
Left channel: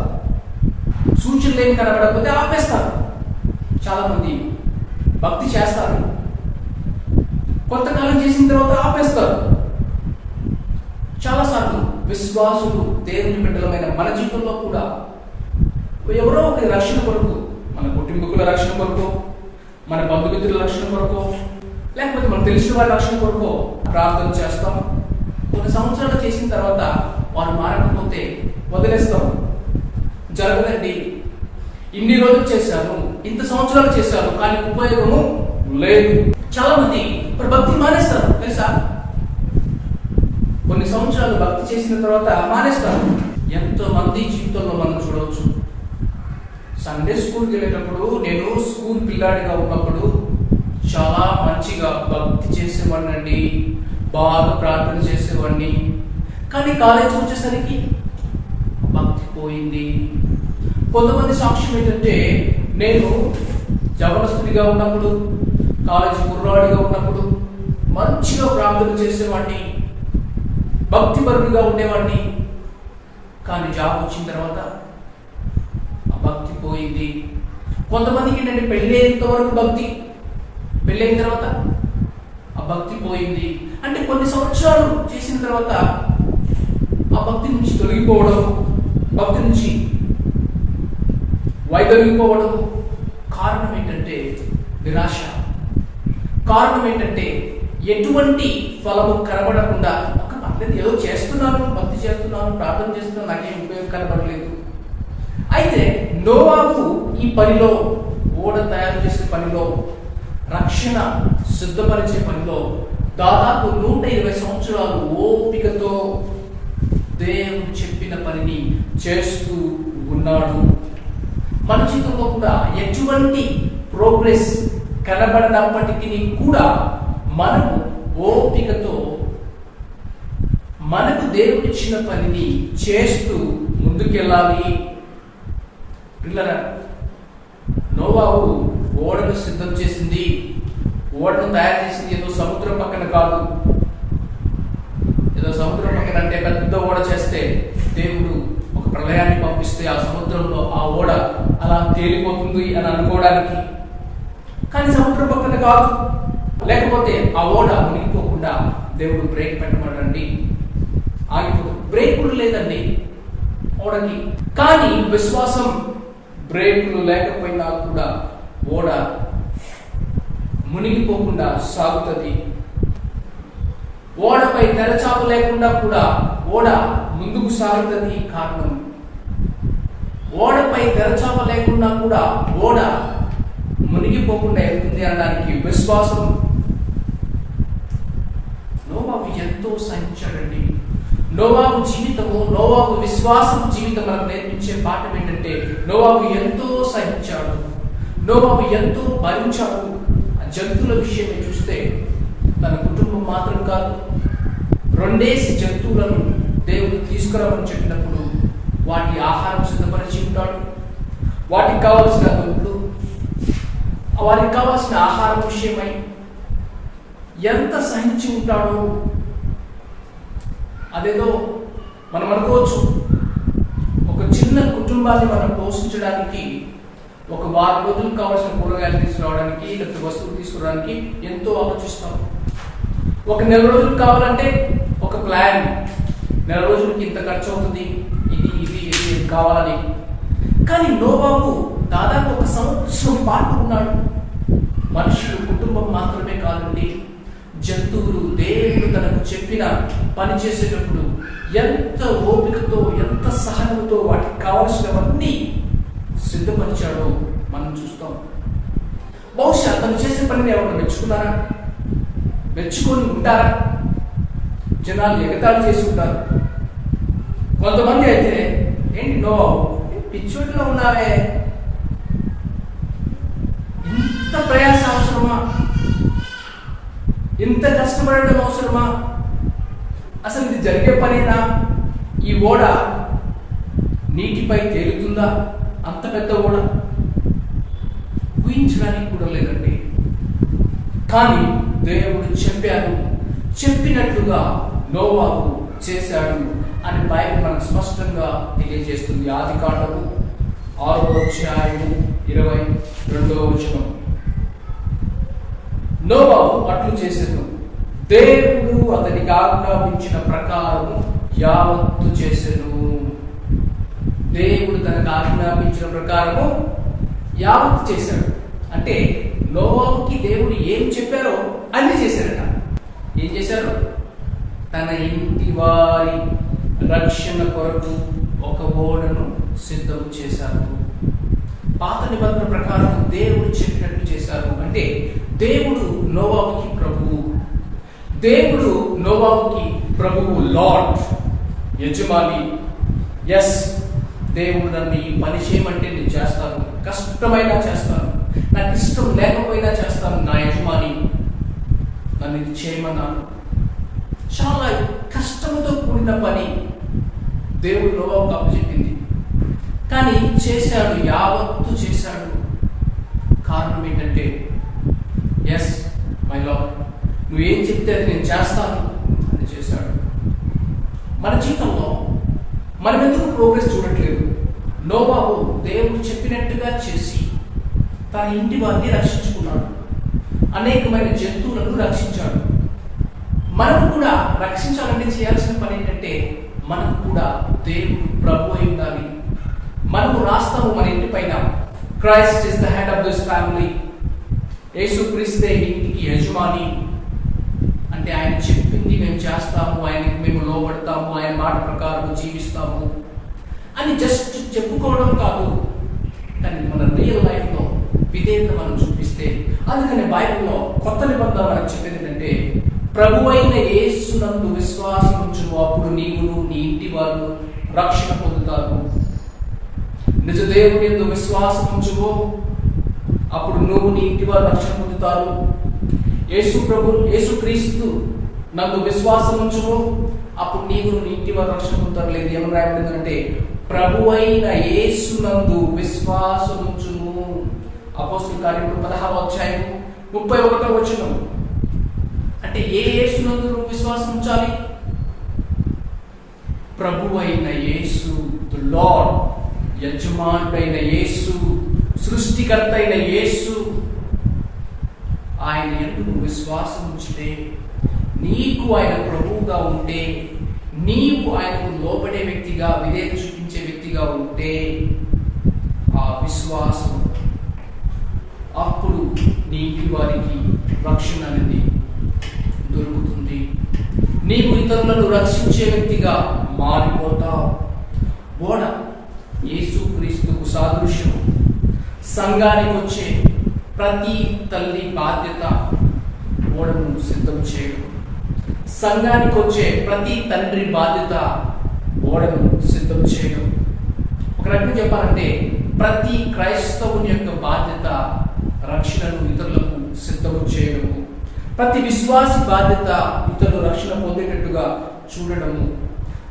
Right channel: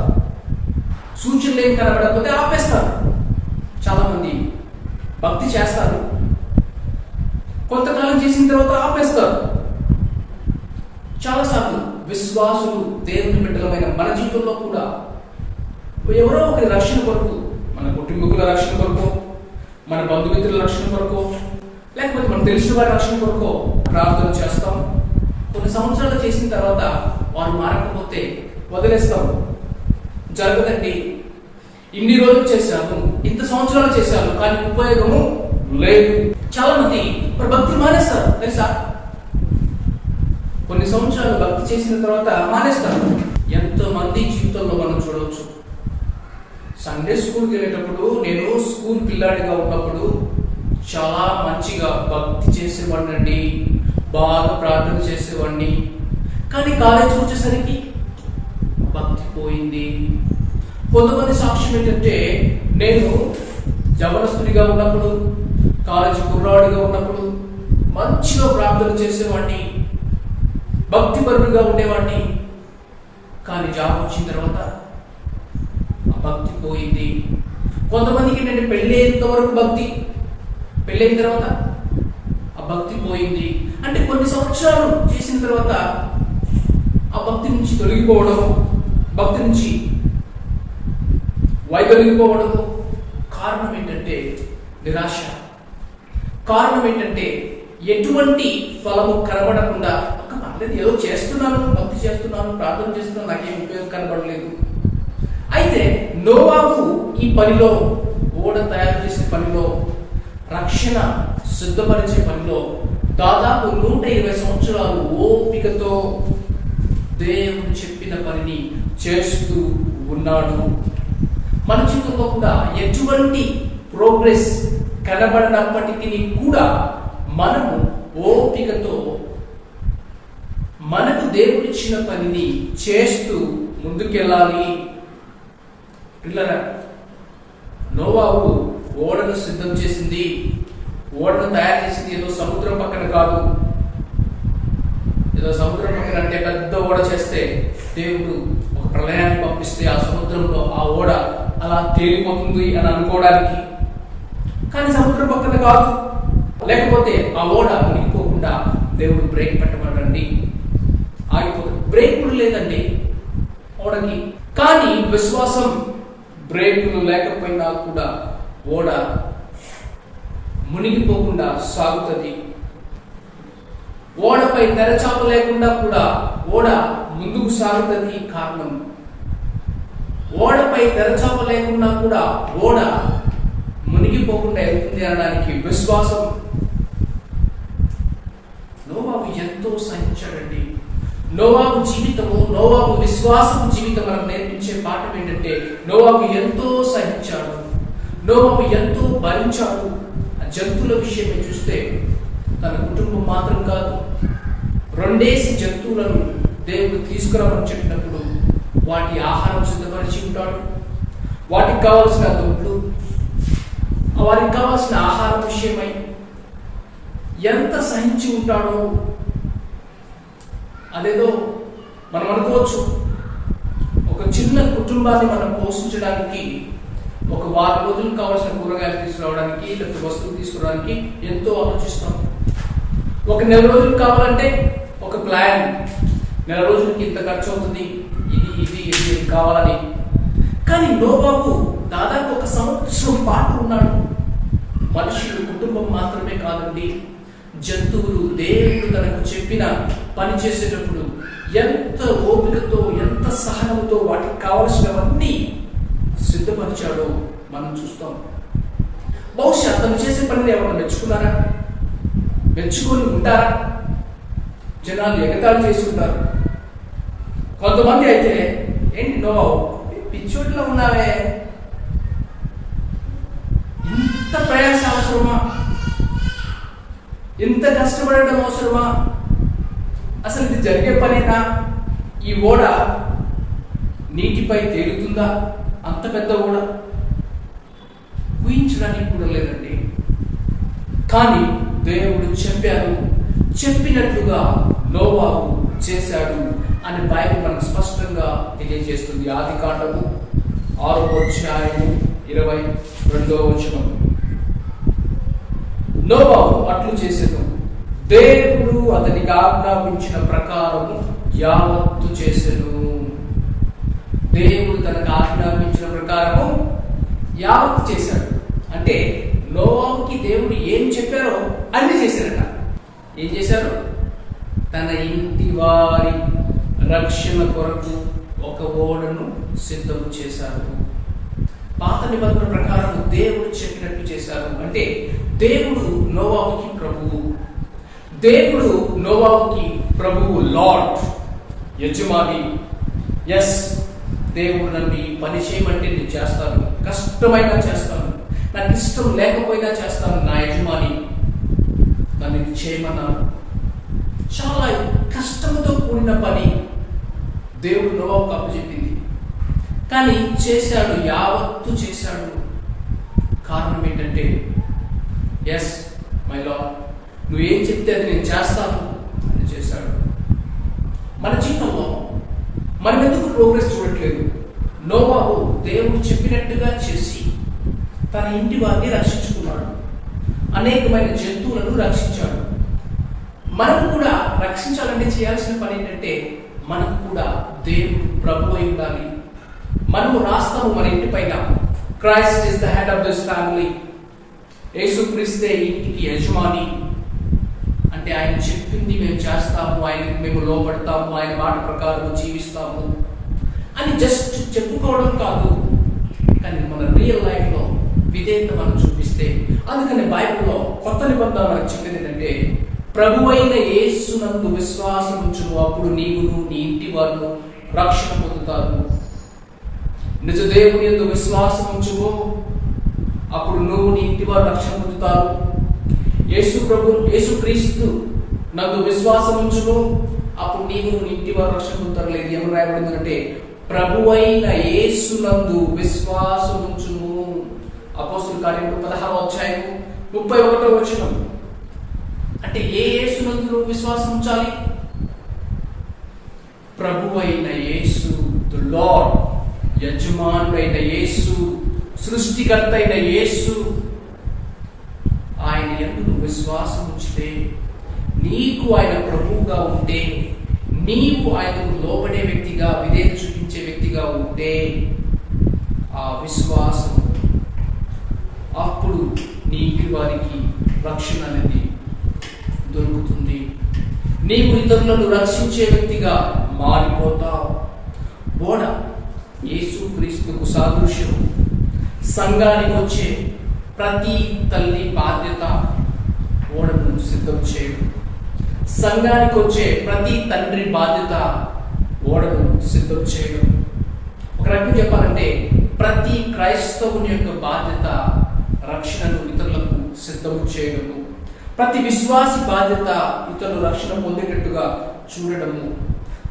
సూచనలు ఏం కనబడకపోతే ఆపేస్తారు. చాలా మంది భక్తి చేస్తారు, కొంతకాలం చేసిన తర్వాత ఆపేస్తారు. చాలాసార్లు విశ్వాసులు, దేవుని బిడ్డలమైన మన జీవితంలో కూడా ఎవరో ఒకరి రక్షణ కొరకు, మన కుటుంబకుల రక్షణ కొరకు, మన బంధుమిత్రుల రక్షణ కొరకు, లేకపోతే మనం తెలిసిన వారి రక్షణ కొరకు ప్రార్థన చేస్తాం. కొన్ని సంవత్సరాలు చేసిన తర్వాత వారు మారకపోతే వదిలేస్తాం. జరగదండి, ఇన్ని రోజులు చేశాను, ఇంత సంవత్సరాలు చేశాను, కానీ ఉపయోగము లేదు. చాలా మంది మరి భక్తి మానేస్తారు తెలుసా? కొన్ని సంవత్సరాలు భక్తి చేసిన తర్వాత మానేస్తారు. ఎంతో మంది జీవితంలో మనం చూడవచ్చు. సండే స్కూల్కి వెళ్ళేటప్పుడు, నేను స్కూల్ పిల్లాడిగా ఉన్నప్పుడు చాలా మంచిగా భక్తి చేసేవాడిని అండి, బాగా ప్రార్థన చేసేవాడిని. కానీ కాలేజీకి వచ్చేసరికి భక్తి పోయింది. కొంతమంది సాక్ష్యం ఏంటంటే, నేను యవనస్తుడిగా ఉన్నప్పుడు, కాలేజీ కుర్రాడిగా ఉన్నప్పుడు మంచిగా ప్రార్థన చేసేవాడిని, భక్తిపరుడుగా ఉండేవాడిని. కానీ జాబ్ వచ్చిన తర్వాత ఆ భక్తి పోయింది. కొంతమందికి ఏంటంటే పెళ్ళయ్యేంత వరకు భక్తి, పెళ్ళైన తర్వాత ఆ భక్తి పోయింది. అంటే కొన్ని సంవత్సరాలు చేసిన తర్వాత ఆ భక్తి నుంచి తొలగిపోవడం, భక్తి నుంచి వైదొలిగిపోవడం. కారణం ఏంటంటే నిరాశ. కారణం ఏంటంటే ఎటువంటి ఫలము కనబడకుండా, పర్లేదు ఏదో చేస్తున్నాను, భక్తి చేస్తున్నాను, ప్రార్థన చేస్తున్నాను, నాకేం ఉపయోగం కనబడలేదు. అయితే నోవాహు ఈ పనిలో, ఓడ తయారు చేసే పనిలో, రక్షణ సిద్ధపరిచే పనిలో దాదాపు 120 సంవత్సరాలు ఓపికతో దేవుడు చెప్పిన పనిని చేస్తూ ఉన్నాడు. మన జీవితంలో కూడా ఎటువంటి ప్రోగ్రెస్ కనబడనప్పటికీ కూడా మనము ఓపికతో మనకు దేవుడిచ్చిన పనిని చేస్తూ ముందుకెళ్ళాలి. పిల్లరా, నోవాహు ఓడను సిద్ధం చేసింది, ఓడను తయారు చేసింది ఏదో సముద్రం పక్కన కాదు. ఏదో సముద్రం పక్కన అంటే పెద్ద ఓడ చేస్తే దేవుడు ఒక ప్రళయాన్ని పంపిస్తే ఆ సముద్రంలో ఆ ఓడ అలా తేలిపోతుంది అని అనుకోవడానికి. కానీ సముద్రం పక్కన కాదు, లేకపోతే ఆ ఓడ మునిగిపోకుండా దేవుడు బ్రేక్ పెట్టమనండి, ఆగిపోతుంది. బ్రేకులు లేదండి ఓడకి. కానీ విశ్వాసం బ్రేకులు లేకపోయినా కూడా ఓడ మునిగిపోకుండా సాగుతుంది. ఓడపై తెరచాప లేకుండా కూడా ఓడ ముందుకు సాగుతుంది. కారణం, ఓడపై తెరచాప లేకుండా కూడా ఓడ మునిగిపోకుండా వెళ్తుంది అనడానికి విశ్వాసం. నోవాహు ఎంతో సహించాడండి. నోవాహు జీవితము, నోవాహు విశ్వాసం జీవితం మనకు నేర్పించే పాఠం ఏంటంటే నోవాహు ఎంతో సహించాడు, నోవాహు ఎంతో భరించాడు. ఆ జంతువుల విషయమే చూస్తే తన కుటుంబం మాత్రం కాదు, 2 జంతువులను దేవుడు తీసుకురామని చెప్పినప్పుడు వాటి ఆహారం సిద్ధపరిచి ఉంటాడు. వాటికి కావలసిన దుడ్లు, వారికి కావాల్సిన ఆహారం విషయమై ఎంత సహించి ఉంటాడో. అదేదో మనం అనుకోవచ్చు, ఒక చిన్న కుటుంబాన్ని మనం పోషించడానికి ఒక వారం రోజులు కావాల్సిన కూరగాయలు తీసుకురావడానికి లేకపోతే వస్తువులు తీసుకురావడానికి ఎంతో ఆలోచిస్తాం. ఒక నెల రోజులు కావాలంటే ఒక ప్లాన్, నెల రోజులకి ఇంత ఖర్చు అవుతుంది, ఇది ఇది ఇది కావాలని. కానీ నోవాహు దాదాపు 1 సంవత్సరం పాటు ఉన్నాడు. మనుషులు, కుటుంబం మాత్రమే కాదండి, జంతువులు దేవుడు తనకు చెప్పిన పని చేసేటప్పుడు ఎంత ఓపికతో, ఎంత సహనంతో వాటికి కావలసినవన్నీ సిద్ధపరిచాడో మనం చూస్తాం. బహుశా తను చేసే పనిని ఎవరు మెచ్చుకున్నారా? మెచ్చుకొని ఉంటారా? జనాలు ఎగతాళి చేసి ఉంటారు. కొంతమంది అయితే ఏంటి నోవాహు పిచ్చోటిలో ఉన్నావే, ఇంత ప్రయాస అవసరమా, ఇంత కష్టపడడం అవసరమా, అసలు ఇది జరిగే పనేనా, ఈ ఓడ నీటిపై తేలుతుందా, అంత పెద్ద ఓడ ఊహించడానికి కూడా లేదండి. కానీ దేవుడు చెప్పారు, చెప్పినట్లుగా నోవాహు చేశాడు అని బైబిల్ మనకు స్పష్టంగా తెలియజేస్తుంది. ఆదికాండము 6:22 నోవాహు అట్లు చేసెను, దేవుడు అతనికి ఆజ్ఞాపించిన ప్రకారము యావత్తు చేసెను. దేవుడు తనకు ఆజ్ఞాపించిన ప్రకారము యావత్తు చేశాడు. అంటే నోవాహుకి దేవుడు ఏం చెప్పారో అన్ని చేశారట. ఏం చేశారు? తన ఇంటి వారి రక్షణ కొరకు ఒక ఓడను సిద్ధం చేశారు. పాత నిబంధన ప్రకారం దేవుడు చెప్పినట్టు చేశారు. అంటే దేవుడు నోవాహుకి ప్రభువు, దేవుడు నోవాహుకి ప్రభువు, లార్డ్, యజమాని. ఎస్, దేవుడు నన్ను ఈ పని చేయమంటే నేను చేస్తాను, కష్టమైనా చేస్తాను, నాకు ఇష్టం లేకపోయినా చేస్తాను, నా యజమాని నన్ను ఇది చేయమన్నాను. చాలా కష్టంతో కూడిన పని దేవుడు నోవాహుకు అప్పచెప్పింది. కానీ చేశాడు, యావత్తు చేశాడు. కారణం ఏంటంటే ఎస్ మై లార్డ్, నువ్వేం చెప్తే అది నేను చేస్తాను అని చేశాడు. మన జీవితంలో మనం ఎందుకు ప్రోగ్రెస్ చూడట్లేదు? నోవాహు దేవుడు చెప్పినట్టుగా చేసి తన ఇంటి వారిని రక్షించుకున్నాడు, అనేకమైన జంతువులను రక్షించాడు. మనం కూడా రక్షించాలంటే చేయాల్సిన పని ఏంటంటే మనం కూడా దేవుడు ప్రభు అయి ఉండాలి. మనము రాస్తాము మన ఇంటి పైన, Christ is the head of this family. యేసుక్రీస్తే ఇంటికి యజమాని. అంటే ఆయన చెప్పింది మేము చేస్తాము, ఆయనకి మేము లోబడతాము, ఆయన మాట ప్రకారం జీవిస్తాము అని జస్ట్ చెప్పుకోవడం కాదు, కానీ మన రియల్ లైఫ్లో విధేయత మనం చూపిస్తే. అందుకని బైబిల్లో కొత్త నిబంధన మనకు చెప్పేది ఏంటంటే ప్రభు అయిన యేసునందు విశ్వాసం ఉంచును, అప్పుడు నీవును నీ ఇంటి వారు రక్షణ పొందుతారు. నిజ దేవుని యందు విశ్వాసం ఉంచుము, అప్పుడు నువ్వు నీ ఇంటి వారు రక్షణ పొందుతారు. యేసుక్రీస్తు నందు విశ్వాసం ఉంచుము, అప్పుడు నీవు నీ ఇంటి వారు రక్షణ పొందుతారు. లేదు, ఏమని రాయబడిందంటే ప్రభు అయిన యేసునందు విశ్వాసం ఉంచుము. అపోస్తలుల కార్యములు 16:31. అంటే ఏ యేసునందు నువ్వు విశ్వాసం ఉంచాలి? ప్రభు అయిన యేసు, ది లార్డ్, యజమానుడైన యేసు, సృష్టికర్త అయిన యేసు, ఆయన యందు విశ్వాసం ఉంచితే, నీకు ఆయన ప్రభువుగా ఉంటే, నీవు ఆయనకు లోబడే వ్యక్తిగా, విధేయత చూపించే వ్యక్తిగా ఉంటే, ఆ విశ్వాసం అప్పుడు నీ ఇంటి వారికి రక్షణ అనేది దొరుకుతుంది. నీవు ఇతరులను రక్షించే వ్యక్తిగా మారిపోతావు. ఓడ యేసుక్రీస్తుకు సాదృశ్యం. సంఘానికి వచ్చే ప్రతి తల్లి బాధ్యత ఓడను సిద్ధం చేయడం. సంఘానికి వచ్చే ప్రతి తండ్రి బాధ్యత ఓడను సిద్ధం చేయడం. ఒక రకంగా చెప్పాలంటే ప్రతి క్రైస్తవుని యొక్క బాధ్యత రక్షణను ఇతరులకు సిద్ధము చేయడము. ప్రతి విశ్వాసి బాధ్యత ఇతరులు రక్షణ పొందేటట్టుగా చూడడము.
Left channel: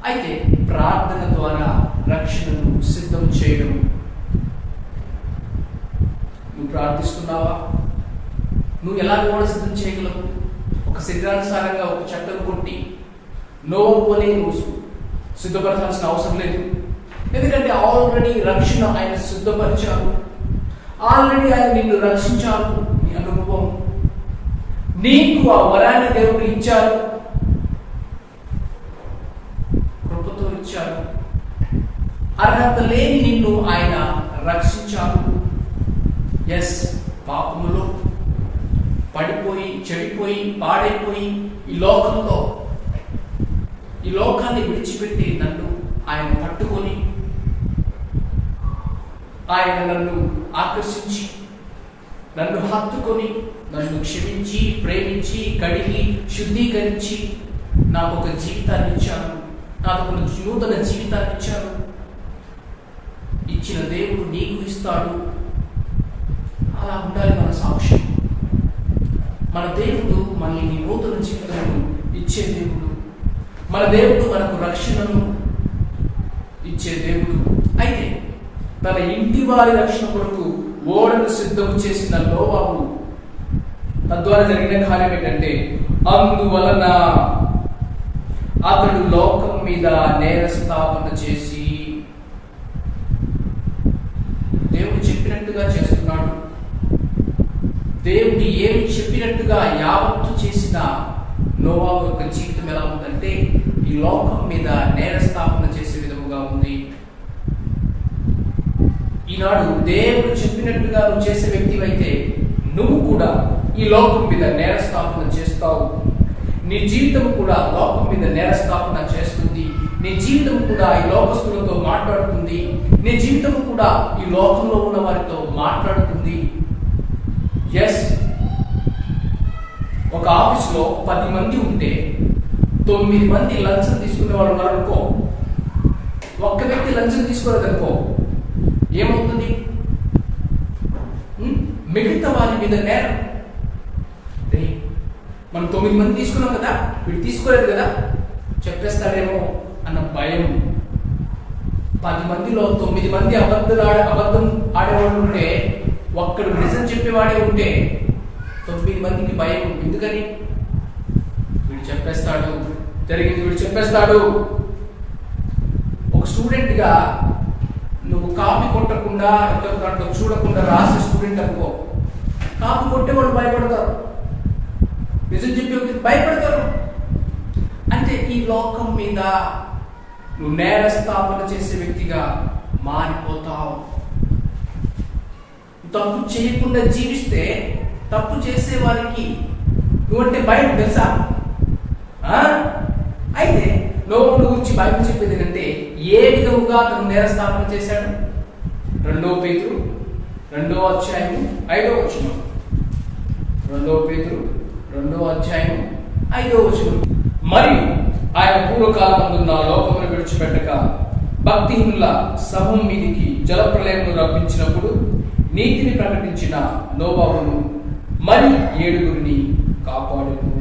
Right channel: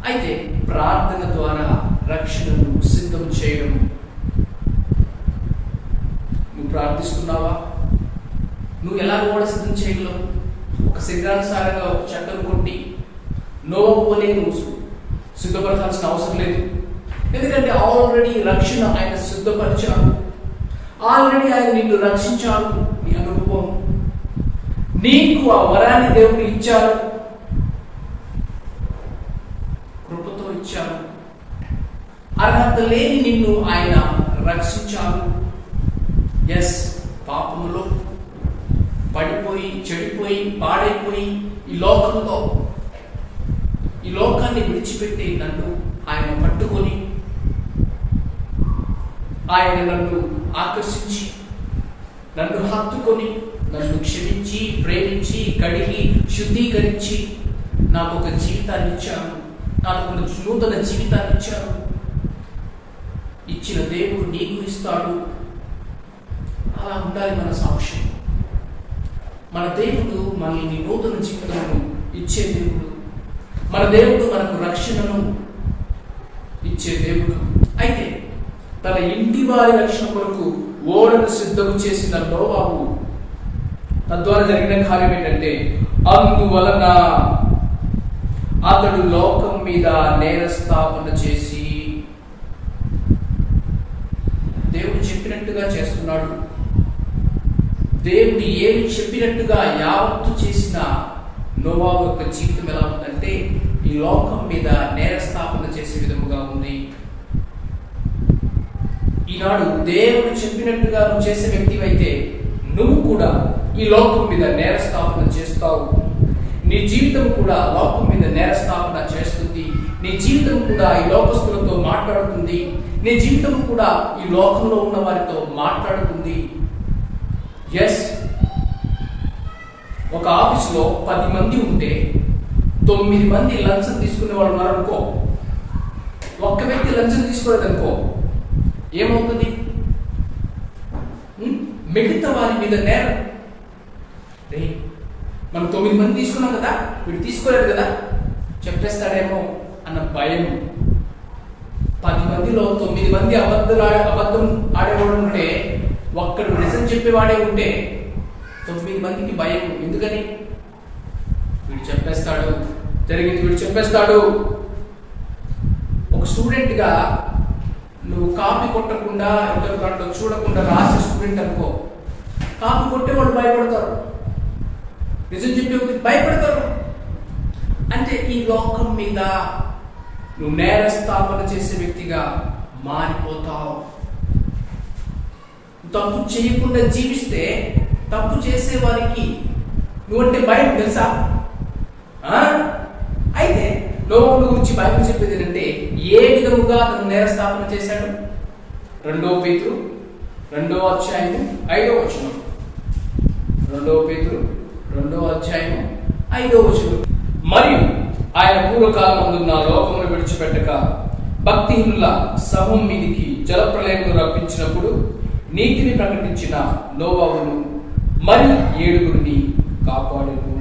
అయితే ప్రార్థన ద్వారా రక్షణను సిద్ధం చేయడము. నువ్వు ప్రార్థిస్తున్నావా? నువ్వు ఎలా కూడా సిద్ధం చేయగలవు? ఒక శరీరానుసారంగా ఒక చట్టం కొట్టి నోవోనే నువ్వు సిద్ధపరచాల్సిన అవసరం లేదు. ఎందుకంటే ఆల్రెడీ రక్షణ ఆయన సిద్ధపరిచారు. ఆల్రెడీ ఆయన నిన్ను రక్షించారు. నీ అనుభవం, నీకు ఆ వరాన్ని దేవుడు ఇచ్చారు, కృపతో ఇచ్చారు. అర్హత లేని నిన్ను ఆయన రక్షించారు. ఎస్, పాపములో పడిపోయి, చెడిపోయి, పాడైపోయి ఈ లోకాన్ని విడిచిపెట్టి నన్ను ఆయన పట్టుకొని, ఆయన నన్ను ఆకర్షించి, నన్ను హత్తుకొని, నన్ను క్షమించి, ప్రేమించి, కడిగి, శుద్ధీకరించి నాకు ఒక జీవితాన్ని ఇచ్చారు. నాకు ఒక నూతన జీవితాన్ని ఇచ్చారు. ఇచ్చిన దేవుడు నీకు ఇస్తాడు. అలా ఉండాలి మన సాక్ష్యం. మన దేవుడు మనల్ని నూతన జీవితాలను ఇచ్చే దేవుడు. మన దేవుడు మనకు రక్షణను ఇచ్చే దేవుడు. అయితే తన ఇంటి వారి రక్షణ కొరకు ఓడను సిద్ధం చేసిన నోవాహు తద్వారా జరిగిన కార్యం ఏంటంటే, అందువలన అతడు లోకం మీద నేరస్థాపన చేసి, దేవుడు చెప్పినట్టుగా చేస్తున్నాడు. దేవుడు ఏమి చెప్పినట్టుగా యావత్తు చేసిన నోవాహు యొక్క జీవితం ఎలా ఉందంటే, ఈ లోకం మీద నేరస్థాపన చేసే విధముగా ఉంది. ఈనాడు దేవుడు చెప్పినట్టుగా నువ్వు చేసే వ్యక్తివైతే నువ్వు కూడా ఈ లోకం మీద నేరస్థాపన చేస్తావు. నీ జీవితం కూడా లోకం మీద నేరస్థాపన చేస్తుంది. నీ జీవితం కూడా ఈ లోకస్తులతో మాట్లాడుతుంది. నీ జీవితం కూడా ఈ లోకంలో ఉన్న వారితో మాట్లాడుతుంది. ఎస్, ఒక ఆఫీసులో 10 మంది ఉంటే 9 మంది లంచం తీసుకునే వాళ్ళు ఉన్నారనుకో, ఒక్క వ్యక్తి లంచం తీసుకోలేదనుకో, ఏమవుతుంది? మిగతా వారి మీద నేరం. మనం 9 మంది తీసుకున్నాం కదా, వీడు తీసుకోలేదు కదా, చెప్పేస్తాడేమో అన్న భయం. 10 మందిలో 9 మంది అబద్ధం ఆడేవాడు ఉంటే, ఒక్కడు నిజం చెప్పేవాడే ఉంటే 9 మందికి భయం. ఎందుకని? వీడు చెప్పేస్తాడు, జరిగింది వీడు చెప్పేస్తాడు. ఒక స్టూడెంట్గా నువ్వు కాపీ కొట్టకుండా, ఇతర దాంట్లో చూడకుండా రాసే స్టూడెంట్ అనుకో, కాపీ కొట్టేవాళ్ళు భయపడతారు, నిజం చెప్పే భయపడతారు. అంటే ఈ లోకం మీద నువ్వు నేరస్థాపన చేసే వ్యక్తిగా మారిపోతావు. తప్పు చేయకుండా జీవిస్తే తప్పు చేసే వారికి నువ్వంటే భయం, తెలుసా? అయితే నోవాహు గురించి బైబిల్ చెప్పేది ఏంటంటే, ఏ విధముగా తను నేరస్థాపన చేశాడు? 2 పేతురు 2వ అధ్యాయము 5వ వచనం. 2 పేతురు 2వ అధ్యాయము 5వ వచనం. మరియు ఆయన పూర్వకాలమందున్న లోకమును విడిచిపెట్టక భక్తిహీనుల సమూహం మీదికి జలప్రలయమును రప్పించినప్పుడు నీతిని ప్రకటించిన నోవాహును మరి 7 కాపాడెను.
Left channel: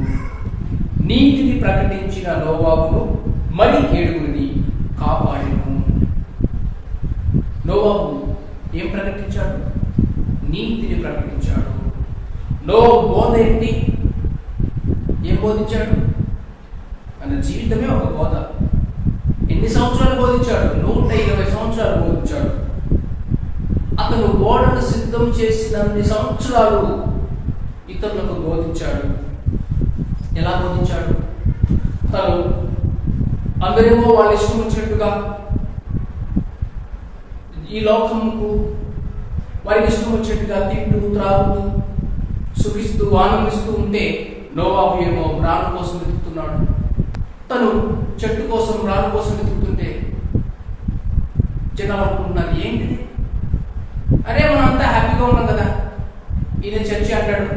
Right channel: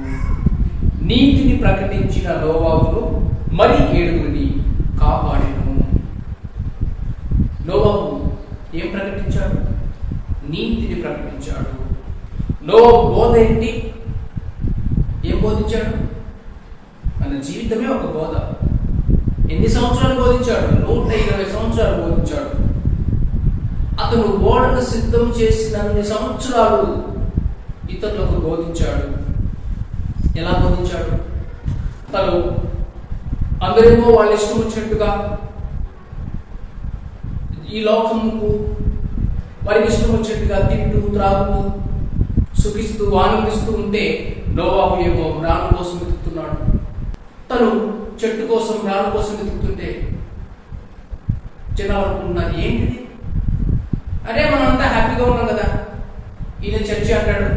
నీతిని ప్రకటించిన నోవాహును మరి 7 కాపాడెను. నోవాహు ఏం ప్రకటించాడు? నీతిని ప్రకటించాడు. నోవాహు బోధ ఏంటి? ఏం బోధించాడు? తన జీవితమే ఒక బోధ. ఎన్ని సంవత్సరాలు బోధించాడు? 120 సంవత్సరాలు బోధించాడు. అతను ఓడను సిద్ధం చేసిన 2 సంవత్సరాలు ఇతరులకు బోధించాడు. ఎలా బోధించాడు? తను అందరేమో వాళ్ళ ఇష్టం వచ్చినట్టుగా ఈ లోకముకు వారికి ఇష్టం వచ్చినట్టుగా తింటూ త్రాగుతూ సుఖిస్తూ ఆనందిస్తూ ఉంటే నోవాహు ఏమో రాను కోసం వెతుకుతున్నాడు. తను చెట్టు కోసం రాను కోసం వెతుకుతుంటే జనాలు అనుకుంటున్నారు, ఏంటిది? అరే మనం అంతా హ్యాపీగా ఉన్నాం కదా, ఈయన చర్చి అంటాడు,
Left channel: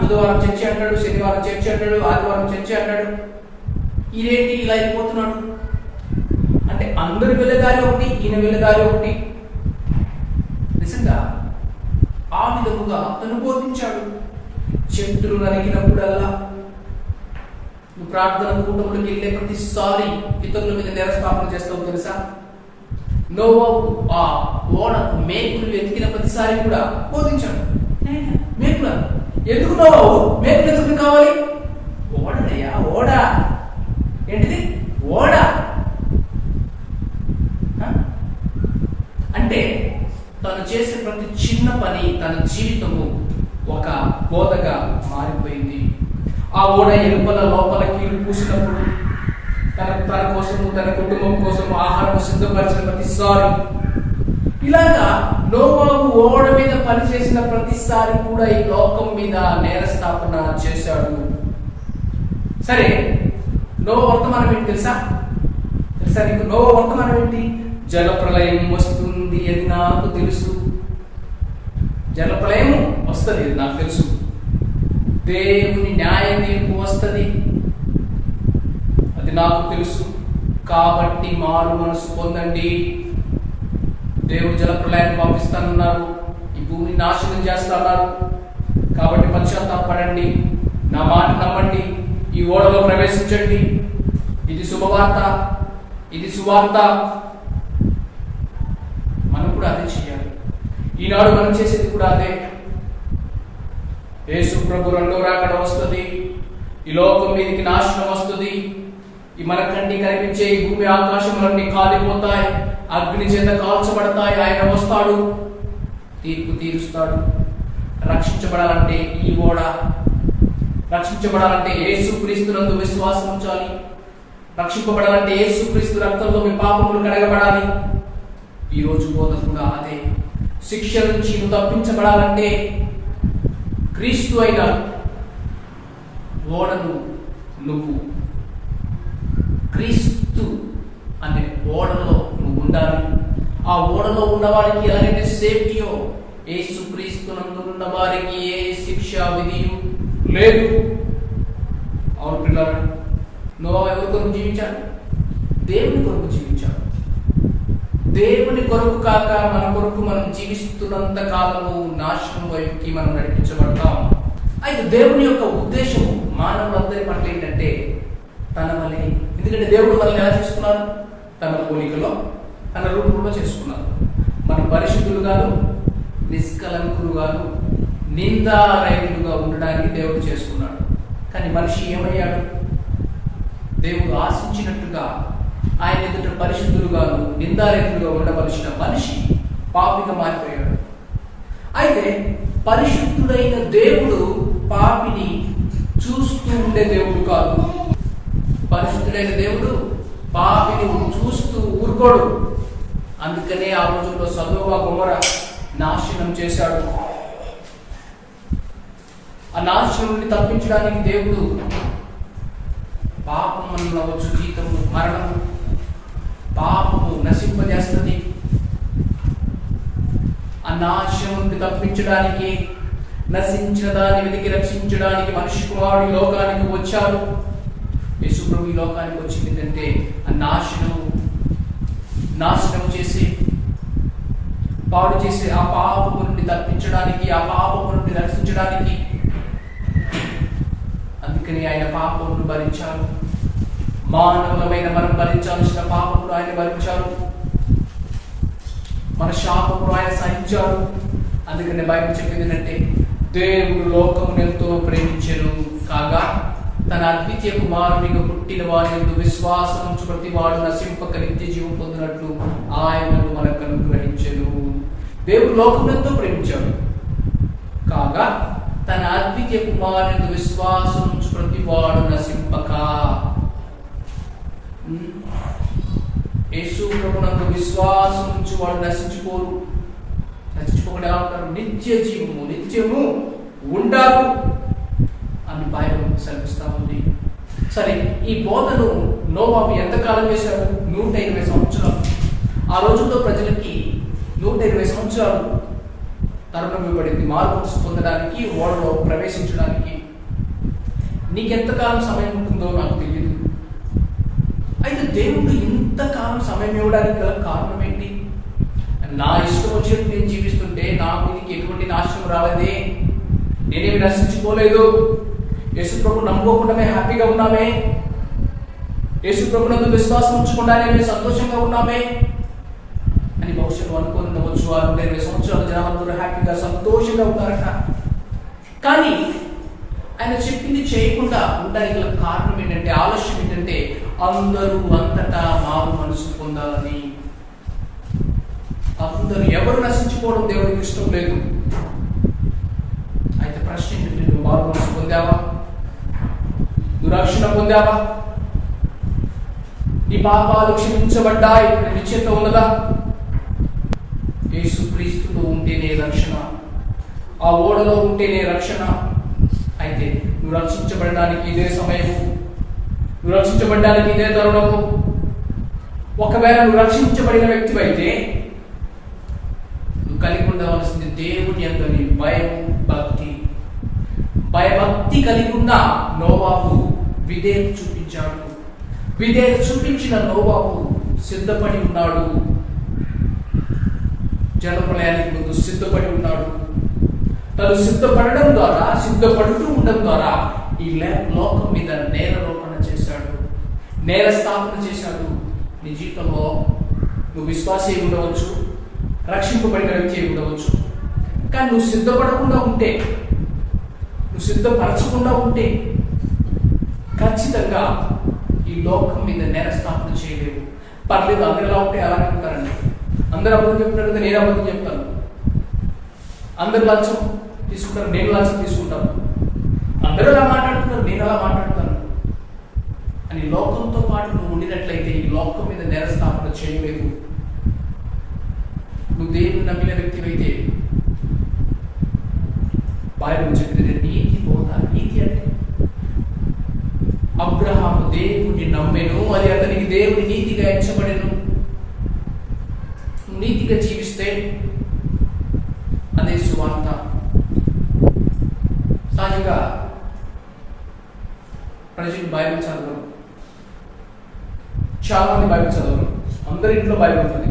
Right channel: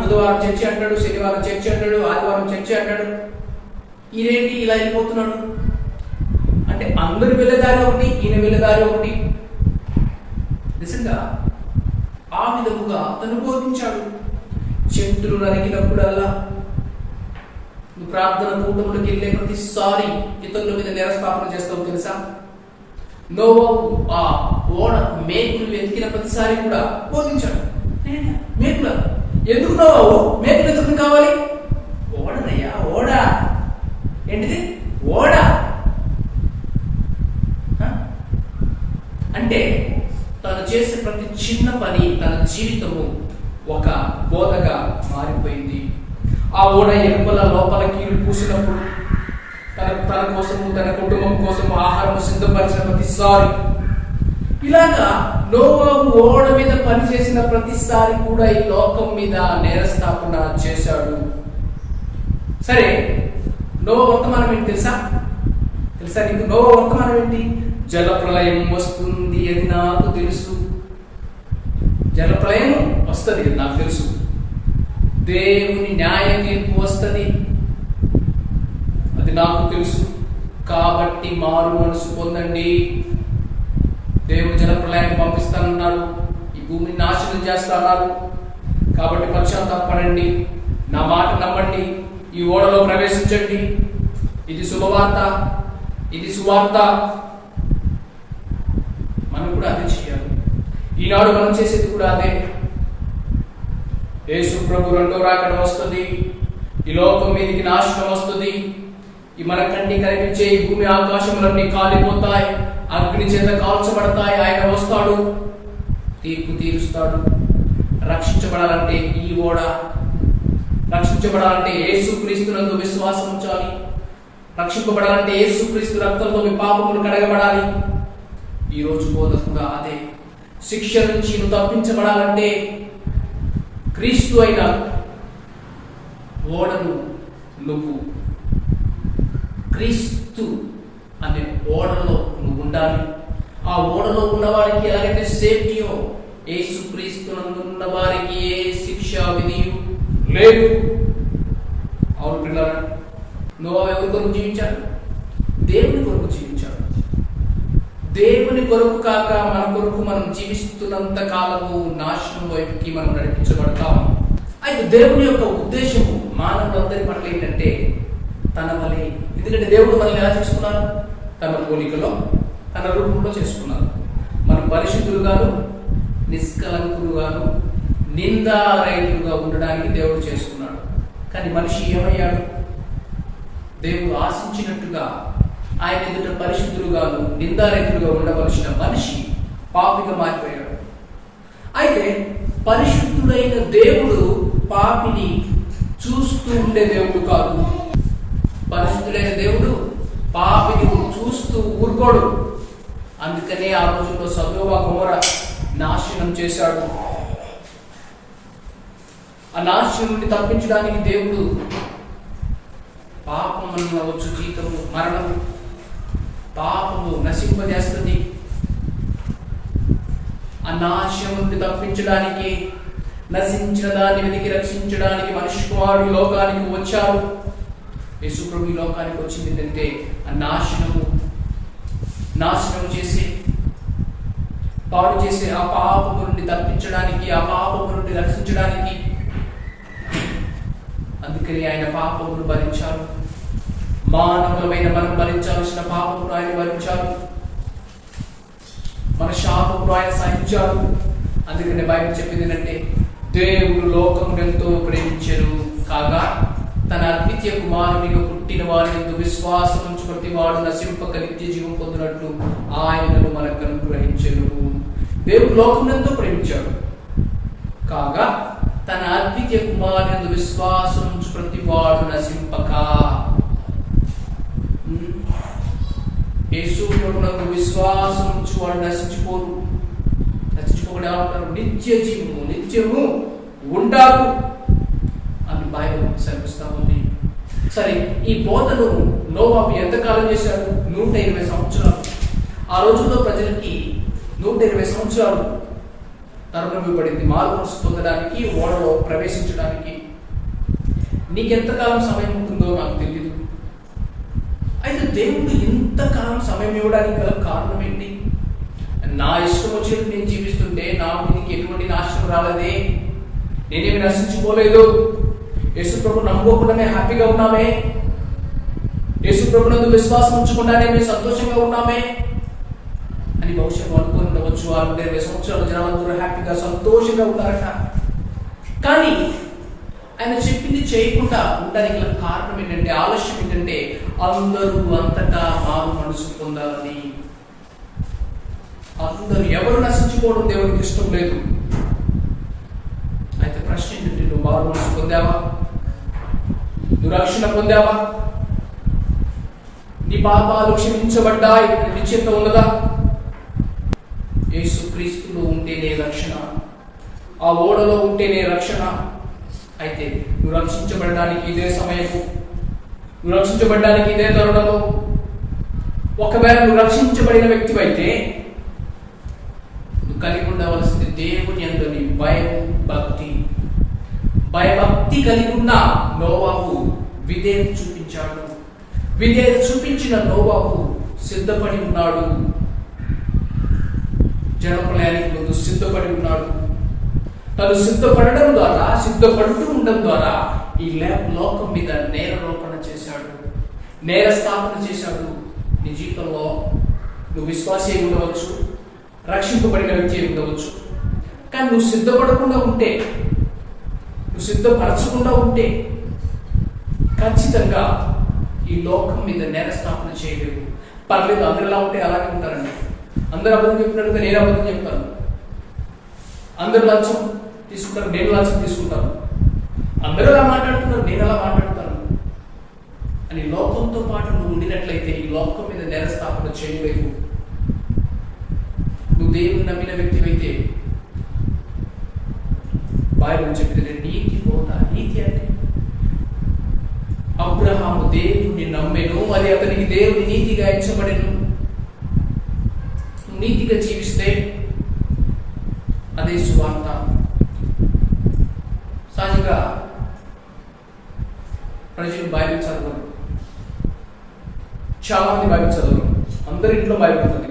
బుధవారం చర్చి అంటాడు, శనివారం చర్చి అంటాడు, ఆదివారం చర్చి అంటాడు, ఈయనేంటి ఇలా వెళ్ళిపోతున్నాడు? అంటే అందరు వెళ్ళేదారి ఒకటి, ఈయన వెళ్ళేదారి ఒకటి. నిజంగా ఆ విధముగా తను బోధించాడు. చెట్టును నరికినప్పుడల్లా, నువ్వు ప్రార్థన కూటములకు వెళ్ళే ప్రతిసారి ఇతరుల మీద నేరస్థాపన చేస్తావు తెలుసా? నోవాహు ఆ ఓడ మేకులు వెతికిన ప్రతిసారి కూడా బోధించాడు. మేకుల ఎందుకు నోవాహు మేకులు ఎందుకు కావాలి? ఓడనయ్యా, ఓడ ఏంటిది? ఓడ అంటే తను చేసే ప్రతి చిన్న పని తన జీవితము ఒక బోధగా మారిపోయింది. ఆ ఓడ ఎలుపల లోపల కీలు పూసినప్పుడు తన కోసము తన కుటుంబం కోసం ఆహారం సిద్ధపరిచిన ప్రతిసారి, ఇలాగా నోవాహు ఓడ మీద పనిచేసిన ప్రతిసారి కూడా ఈ లోకం మీద నేరస్థాపన చేశాడు. సరే, నోవా వర్తమానం ఏంటి తెలుసా నీకు? నోవా వర్తమానం ఏంటి? జలప్రళయం వస్తుంది అని నాకు తెలుసు. జలప్రళయం వస్తుంది నాకు తెలుసు. దేవుని న్యాయ తీర్పు వస్తుంది అది నాకు తెలుసు. కాబట్టి మారు మనసు పొందండి. దేవుడు జలప్రళయాన్ని పంపిస్తానన్నారు, ఈ భూమిని నాశనం చేస్తున్నారు. కాబట్టి పశ్చాత్తాపడండి, నా మాట నమ్మండి, ఈ ఓడలో ప్రవేశించండి. ఇది శుభవార్త, ఇది సువార్త. మనం కూడా అదే చేయాలి. ఈనాడు మనం చేసేది కూడా అదే. యేసు ప్రభు రెండో రాకడ వస్తుంది, ఈ లోకం మీదకి నాశనం వస్తుంది, ఈ మన కంటి కనిపించే ఈ భూమి ఆకాశములన్నీ కాలిపోతాయి, అగ్ని చేత కాల్చబడతాయి. ఆయన వస్తాడు, తీర్పు తీరుస్తాడు. రక్షించబడాలంటే ఈ ఓడ, రక్షించబడాలంటే యేసుక్రీస్తునందు విశ్వాసం ఉంచాలి. రక్షింపబడాలంటే యేసుక్రీస్తు రక్తంతో మీ పాపములు కడగబడాలి. ఈ రోజు బోధ కూడా అదే. శిక్ష నుంచి నువ్వు తప్పించబడాలంటే క్రీస్తు అయిన ఓడను నువ్వు, క్రీస్తు అనే ఓడలో నువ్వు ఉండాలి. ఆ ఓడలో ఉన్న వారికి ఎలాగైతే సేఫ్టీయో, యేసుక్రీస్తునందు ఉన్న వారికి ఏ శిక్ష విధియు లేదు. అవును పిల్లరా, నోవా ఎవరి కొరకు జీవించాడు? దేవుని కొరకు జీవించాడు. దేవుని కొరకు కాక మన కొరకు మనం జీవిస్తున్నంత కాలము నాశనం వైపుకి మనం నడిపించబడతాం. అయితే దేవుని యొక్క ఉద్దేశము మానవులందరి పట్ల ఏంటంటే తన వలె. ఎందుకంటే దేవుడు మనల్ని ఎలా చేసుకున్నారు? తన పోలికలో, తన రూపంలో చేసుకున్నారు. మనం పరిశుద్ధులుగాను, నిష్కలంకులుగాను, నిందారహితులుగా ఉండడానికి దేవుడు చేసుకున్నాడు. కానీ మనిషి ఏమయ్యాడు? దేవుడు ఆశించినట్టుగా ఆయన ఎదుట పరిశుద్ధులుగాను, నిందారహితులుగా ఉండవలసిన మనిషి పాపిగా మారిపోయాడు. అయితే పరిశుద్ధుడైన దేవుడు పాపిని చూస్తూ ఉండే దేవుడు కాదు. పరిశుద్ధుడైన దేవుడు పాపిని చూస్తూ ఊరుకోడు. అందుకనే ఆ రోజుల్లో సదోమ గొమొర నాశనం చేశాడు. ఆ నాశనం నుండి తప్పించడానికి దేవుడు పాపం అనవచ్చు జీతము మరణము, పాపము నశింపజేస్తుంది. ఆ నాశనం నుండి తప్పించడానికి, నశించిన దాన్ని వెతికి రక్షించడానికి మనిషి కుమారుడు లోకానికి వచ్చారు. యేసుప్రభు ఈ లోకానికి వచ్చింది ఏంటంటే ఆ నాశనము చేసి పాడు చేసే ఆ పాపము నుండి తప్పించడానికి, ఆ పాపము నుండి రక్షించడానికి. అందుకని ఆయన పాపమును భరించారు. మానవులమైన మనం భరించాల్సిన పాపమును ఆయన భరించారు. మన శాపమును ఆయన సహించారు. అందుకని బైబిల్ చెప్పింది ఏంటంటే దేవుడు లోకమును ఎంతో ప్రేమించెను కాగా తన అద్వితీయ కుమారునిగా పుట్టిన వారిని విశ్వాసం ఉంచు ప్రతి వాడు నశింపక నిత్య జీవం పొందినట్లు ఆయనను మనకు అనుగ్రహించెను. దేవుడు లోకమును ఎంతో ప్రేమించాడు కాగా తన అద్వితీయ కుమారుని విశ్వాసం ఉంచు ప్రతి వాడు నశింపక. యేసు ప్రభువునందు విశ్వాసం ఉంచు వాడు నశించుకోరు. నశించుకోకుండా ఉంటారు, నిత్య జీవము నిత్యము ఉంటారు అని బైబిల్ సెలవిస్తా ఉంది. సరే, ఈ బోధను నోవాహు ఎంతకాలం చేశాడు? 120 సంవత్సరాలు. ఆ రోజుల్లో ప్రజలకి 120 సంవత్సరాలు తరుణం ఇవ్వబడింది మారు మనసు పొందడానికి, ఓడలో ప్రవేశించడానికి. నీకెంతకాలం సమయం ఉంటుందో నాకు తెలియదు. అయితే దేవుడు ఇంతకాలం సమయం ఇవ్వడానికి గల కారణం ఏంటి? నా ఇష్టం వచ్చినట్టు నేను జీవిస్తుంటే నా మీదకి ఎటువంటి నాశనం రాలేదే, నేనేమి నశించుకోలేదు, యేసు ప్రభు నమ్ముకోకుండానే హ్యాపీగా ఉన్నామే, యేసు ప్రభునందు విశ్వాసం ఉంచకుండానే మేము సంతోషంగా ఉన్నామే అని భవిష్యత్తు అనుకుని ఉండవచ్చు. 120 సంవత్సరాలు జనాలందరూ హ్యాపీగా సంతోషంగా ఉన్నారట. కానీ ఆయన చెప్పింది చేయకుండా ఉండడానికి గల కారణం ఏంటంటే, ఆలస్యం ఏంటంటే, అందరూ అంతటా మారు మనసు పొందాలని. అందరూ ఎవరు నశించుకోవడం దేవునికి ఇష్టం లేదు. అయితే ప్రశ్న ఏంటంటే, నువ్వు మారు మనసు పొందావా? నువ్వు రక్షణ పొందావా? నీ పాపాలు క్షమించబడ్డాయి అని నిశ్చయిత ఉన్నదా? యేసు క్రీస్తులో ఉంటేనే రక్షణ, ఆ ఓడలో ఉంటేనే రక్షణ. అయితే నువ్వు రక్షించబడడానికి ఇదే సమయము, నువ్వు రక్షించబడడానికి ఇదే తరుణము. ఒకవేళ నువ్వు రక్షించబడిన వ్యక్తివైతే నువ్వు కలిగి ఉండవలసింది దేవుని యందు నీ భయం, భక్తి. భయభక్తి కలిగి ఉన్న నోవాహు విధేయత చూపించాడు. విధేయత చూపించిన నోవాహు సిద్ధపడి ఉన్నాడు. జలప్రలయానికి ముందు సిద్ధపడి ఉన్నాడు. తను సిద్ధపడడం ద్వారా, సిద్ధపడుతూ ఉండడం ద్వారా ఈ లోకం మీద నేరారోపణ చేశాడు, నేర స్థాపన చేశాడు. నీ జీవితంలో నువ్వు విశ్వాసి ఉండవచ్చు, రక్షింపబడిన వ్యక్తి ఉండవచ్చు. కానీ నువ్వు సిద్ధపడకుండా ఉంటే, నువ్వు సిద్ధపరచకుండా ఉంటే ఖచ్చితంగా ఈ లోకం మీద నేర స్థాపన చేయలేవు. పర్లేదు, అందరు ఎలా ఉంటే అలాగే ఉంటారండి. అందరు అబద్ధం చెప్తున్నట్టుగా నేను అబద్ధం చెప్తాను, అందరు లంచం తీసుకుంటారు, నేను లంచం తీసుకుంటాను, అందరూ ఎలా మాట్లాడుతున్నారు, నేను ఎలా మాట్లాడుతాను అని లోకంతో పాటు నువ్వు ఉండినట్లయితే ఈ లోకం మీద నేర స్థాపన చేయలేవు. నువ్వు దేవుని నమ్మిన వ్యక్తివైతే బైబిల్ చెప్పింది నీతి బోధ. నీతి అంటే అబ్రహాము దేవుని నమ్మెను, అది అతనికి దేవుని నీతిగా ఎంచబడెను. నీతిగా జీవిస్తే అదే సువార్త. సహజంగా ప్రజలు బైబిల్ చదవరు, చాలా మంది బైబిల్ చదవరు. అందరి ఇంట్లో బైబిల్ ఉంటుంది.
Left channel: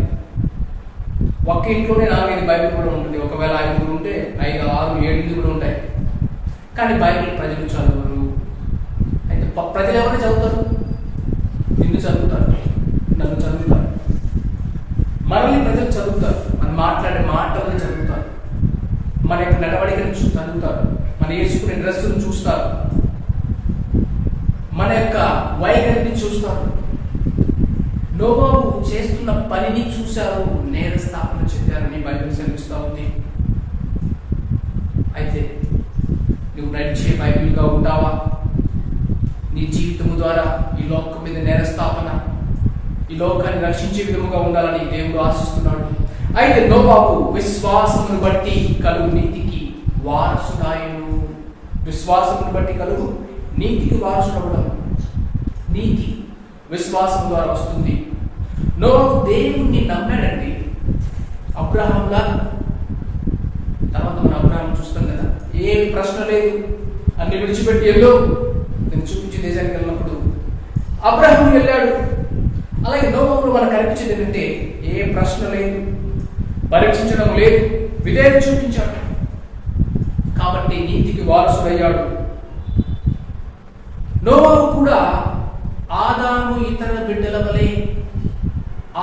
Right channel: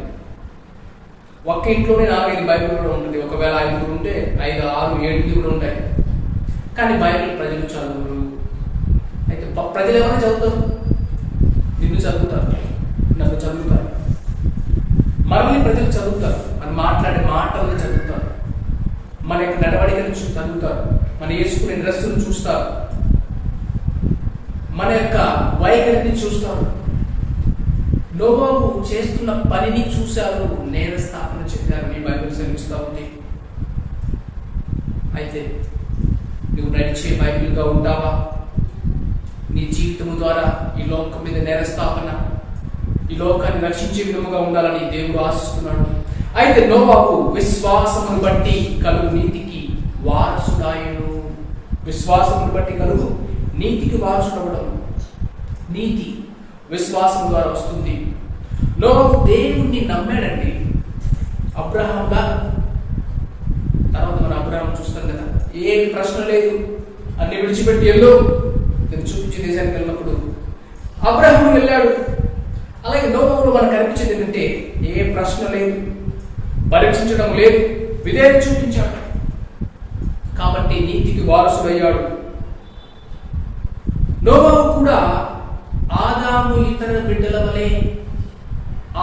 ఒక్క ఇంట్లోనే 4-5 బైబిల్ కూడా ఉంటుంది. ఒకవేళ 5 ఉంటే 5, 6, 7 కూడా ఉంటాయి. కానీ బైబిల్ ప్రజలు చదవరు. అయితే ప్రజలు ఎవరైనా చదువుతారు? నిన్ను చదువుతారు, నన్ను చదువుతారు, మనల్ని ప్రజలు చదువుతారు. మనం మాట్లాడే మాటలను చదువుతారు, మన యొక్క నడవడికను చదువుతారు, మన వేసుకునే డ్రెస్సును చూస్తారు, మన యొక్క వైఖరిని చూస్తారు. నోవాహు చేస్తున్న పనిని చూశారు, నేర స్థాపన చెప్పారని బైబిల్ సెలవిస్తూ ఉంది. అయితే నువ్వు నడిచే బైబిల్గా ఉంటావా? నీ జీవితము ద్వారా ఈ లోకం మీద నేర స్థాపన, ఈ లోకాన్ని రక్షించే విధముగా ఉండాలని దేవుడు ఆశిస్తున్నాడు. అయితే నోవాహు విశ్వాసమును బట్టి కలుగు నీతికి వారసుడాయను. విశ్వాసమును బట్టి కలుగు నీతికి వారసుడవడం. నీతి విశ్వాసం ద్వారా వస్తుంది. నోవాహు దేవుణ్ణి నమ్మాడండి, అబ్రహాం లాగా. తర్వాత మనం అబ్రహాం చూస్తాం కదా, ఏమి ప్రశ్న లేదు, అన్ని విడిచిపెట్టి వెళ్ళు, నేను చూపించే దేశానికి వెళ్ళినప్పుడు అబ్రహాం వెళ్ళాడు. అలాగే నోవాహులో మనకు కనిపించేది ఏంటంటే ఏ ప్రశ్న లేదు, పరీక్షించడం లేదు, విధేయత చూపించాడు. కాబట్టి నీతికి వారసుడయ్యాడు. నోవాహు కూడా ఆదాము ఇతర బిడ్డల వలె,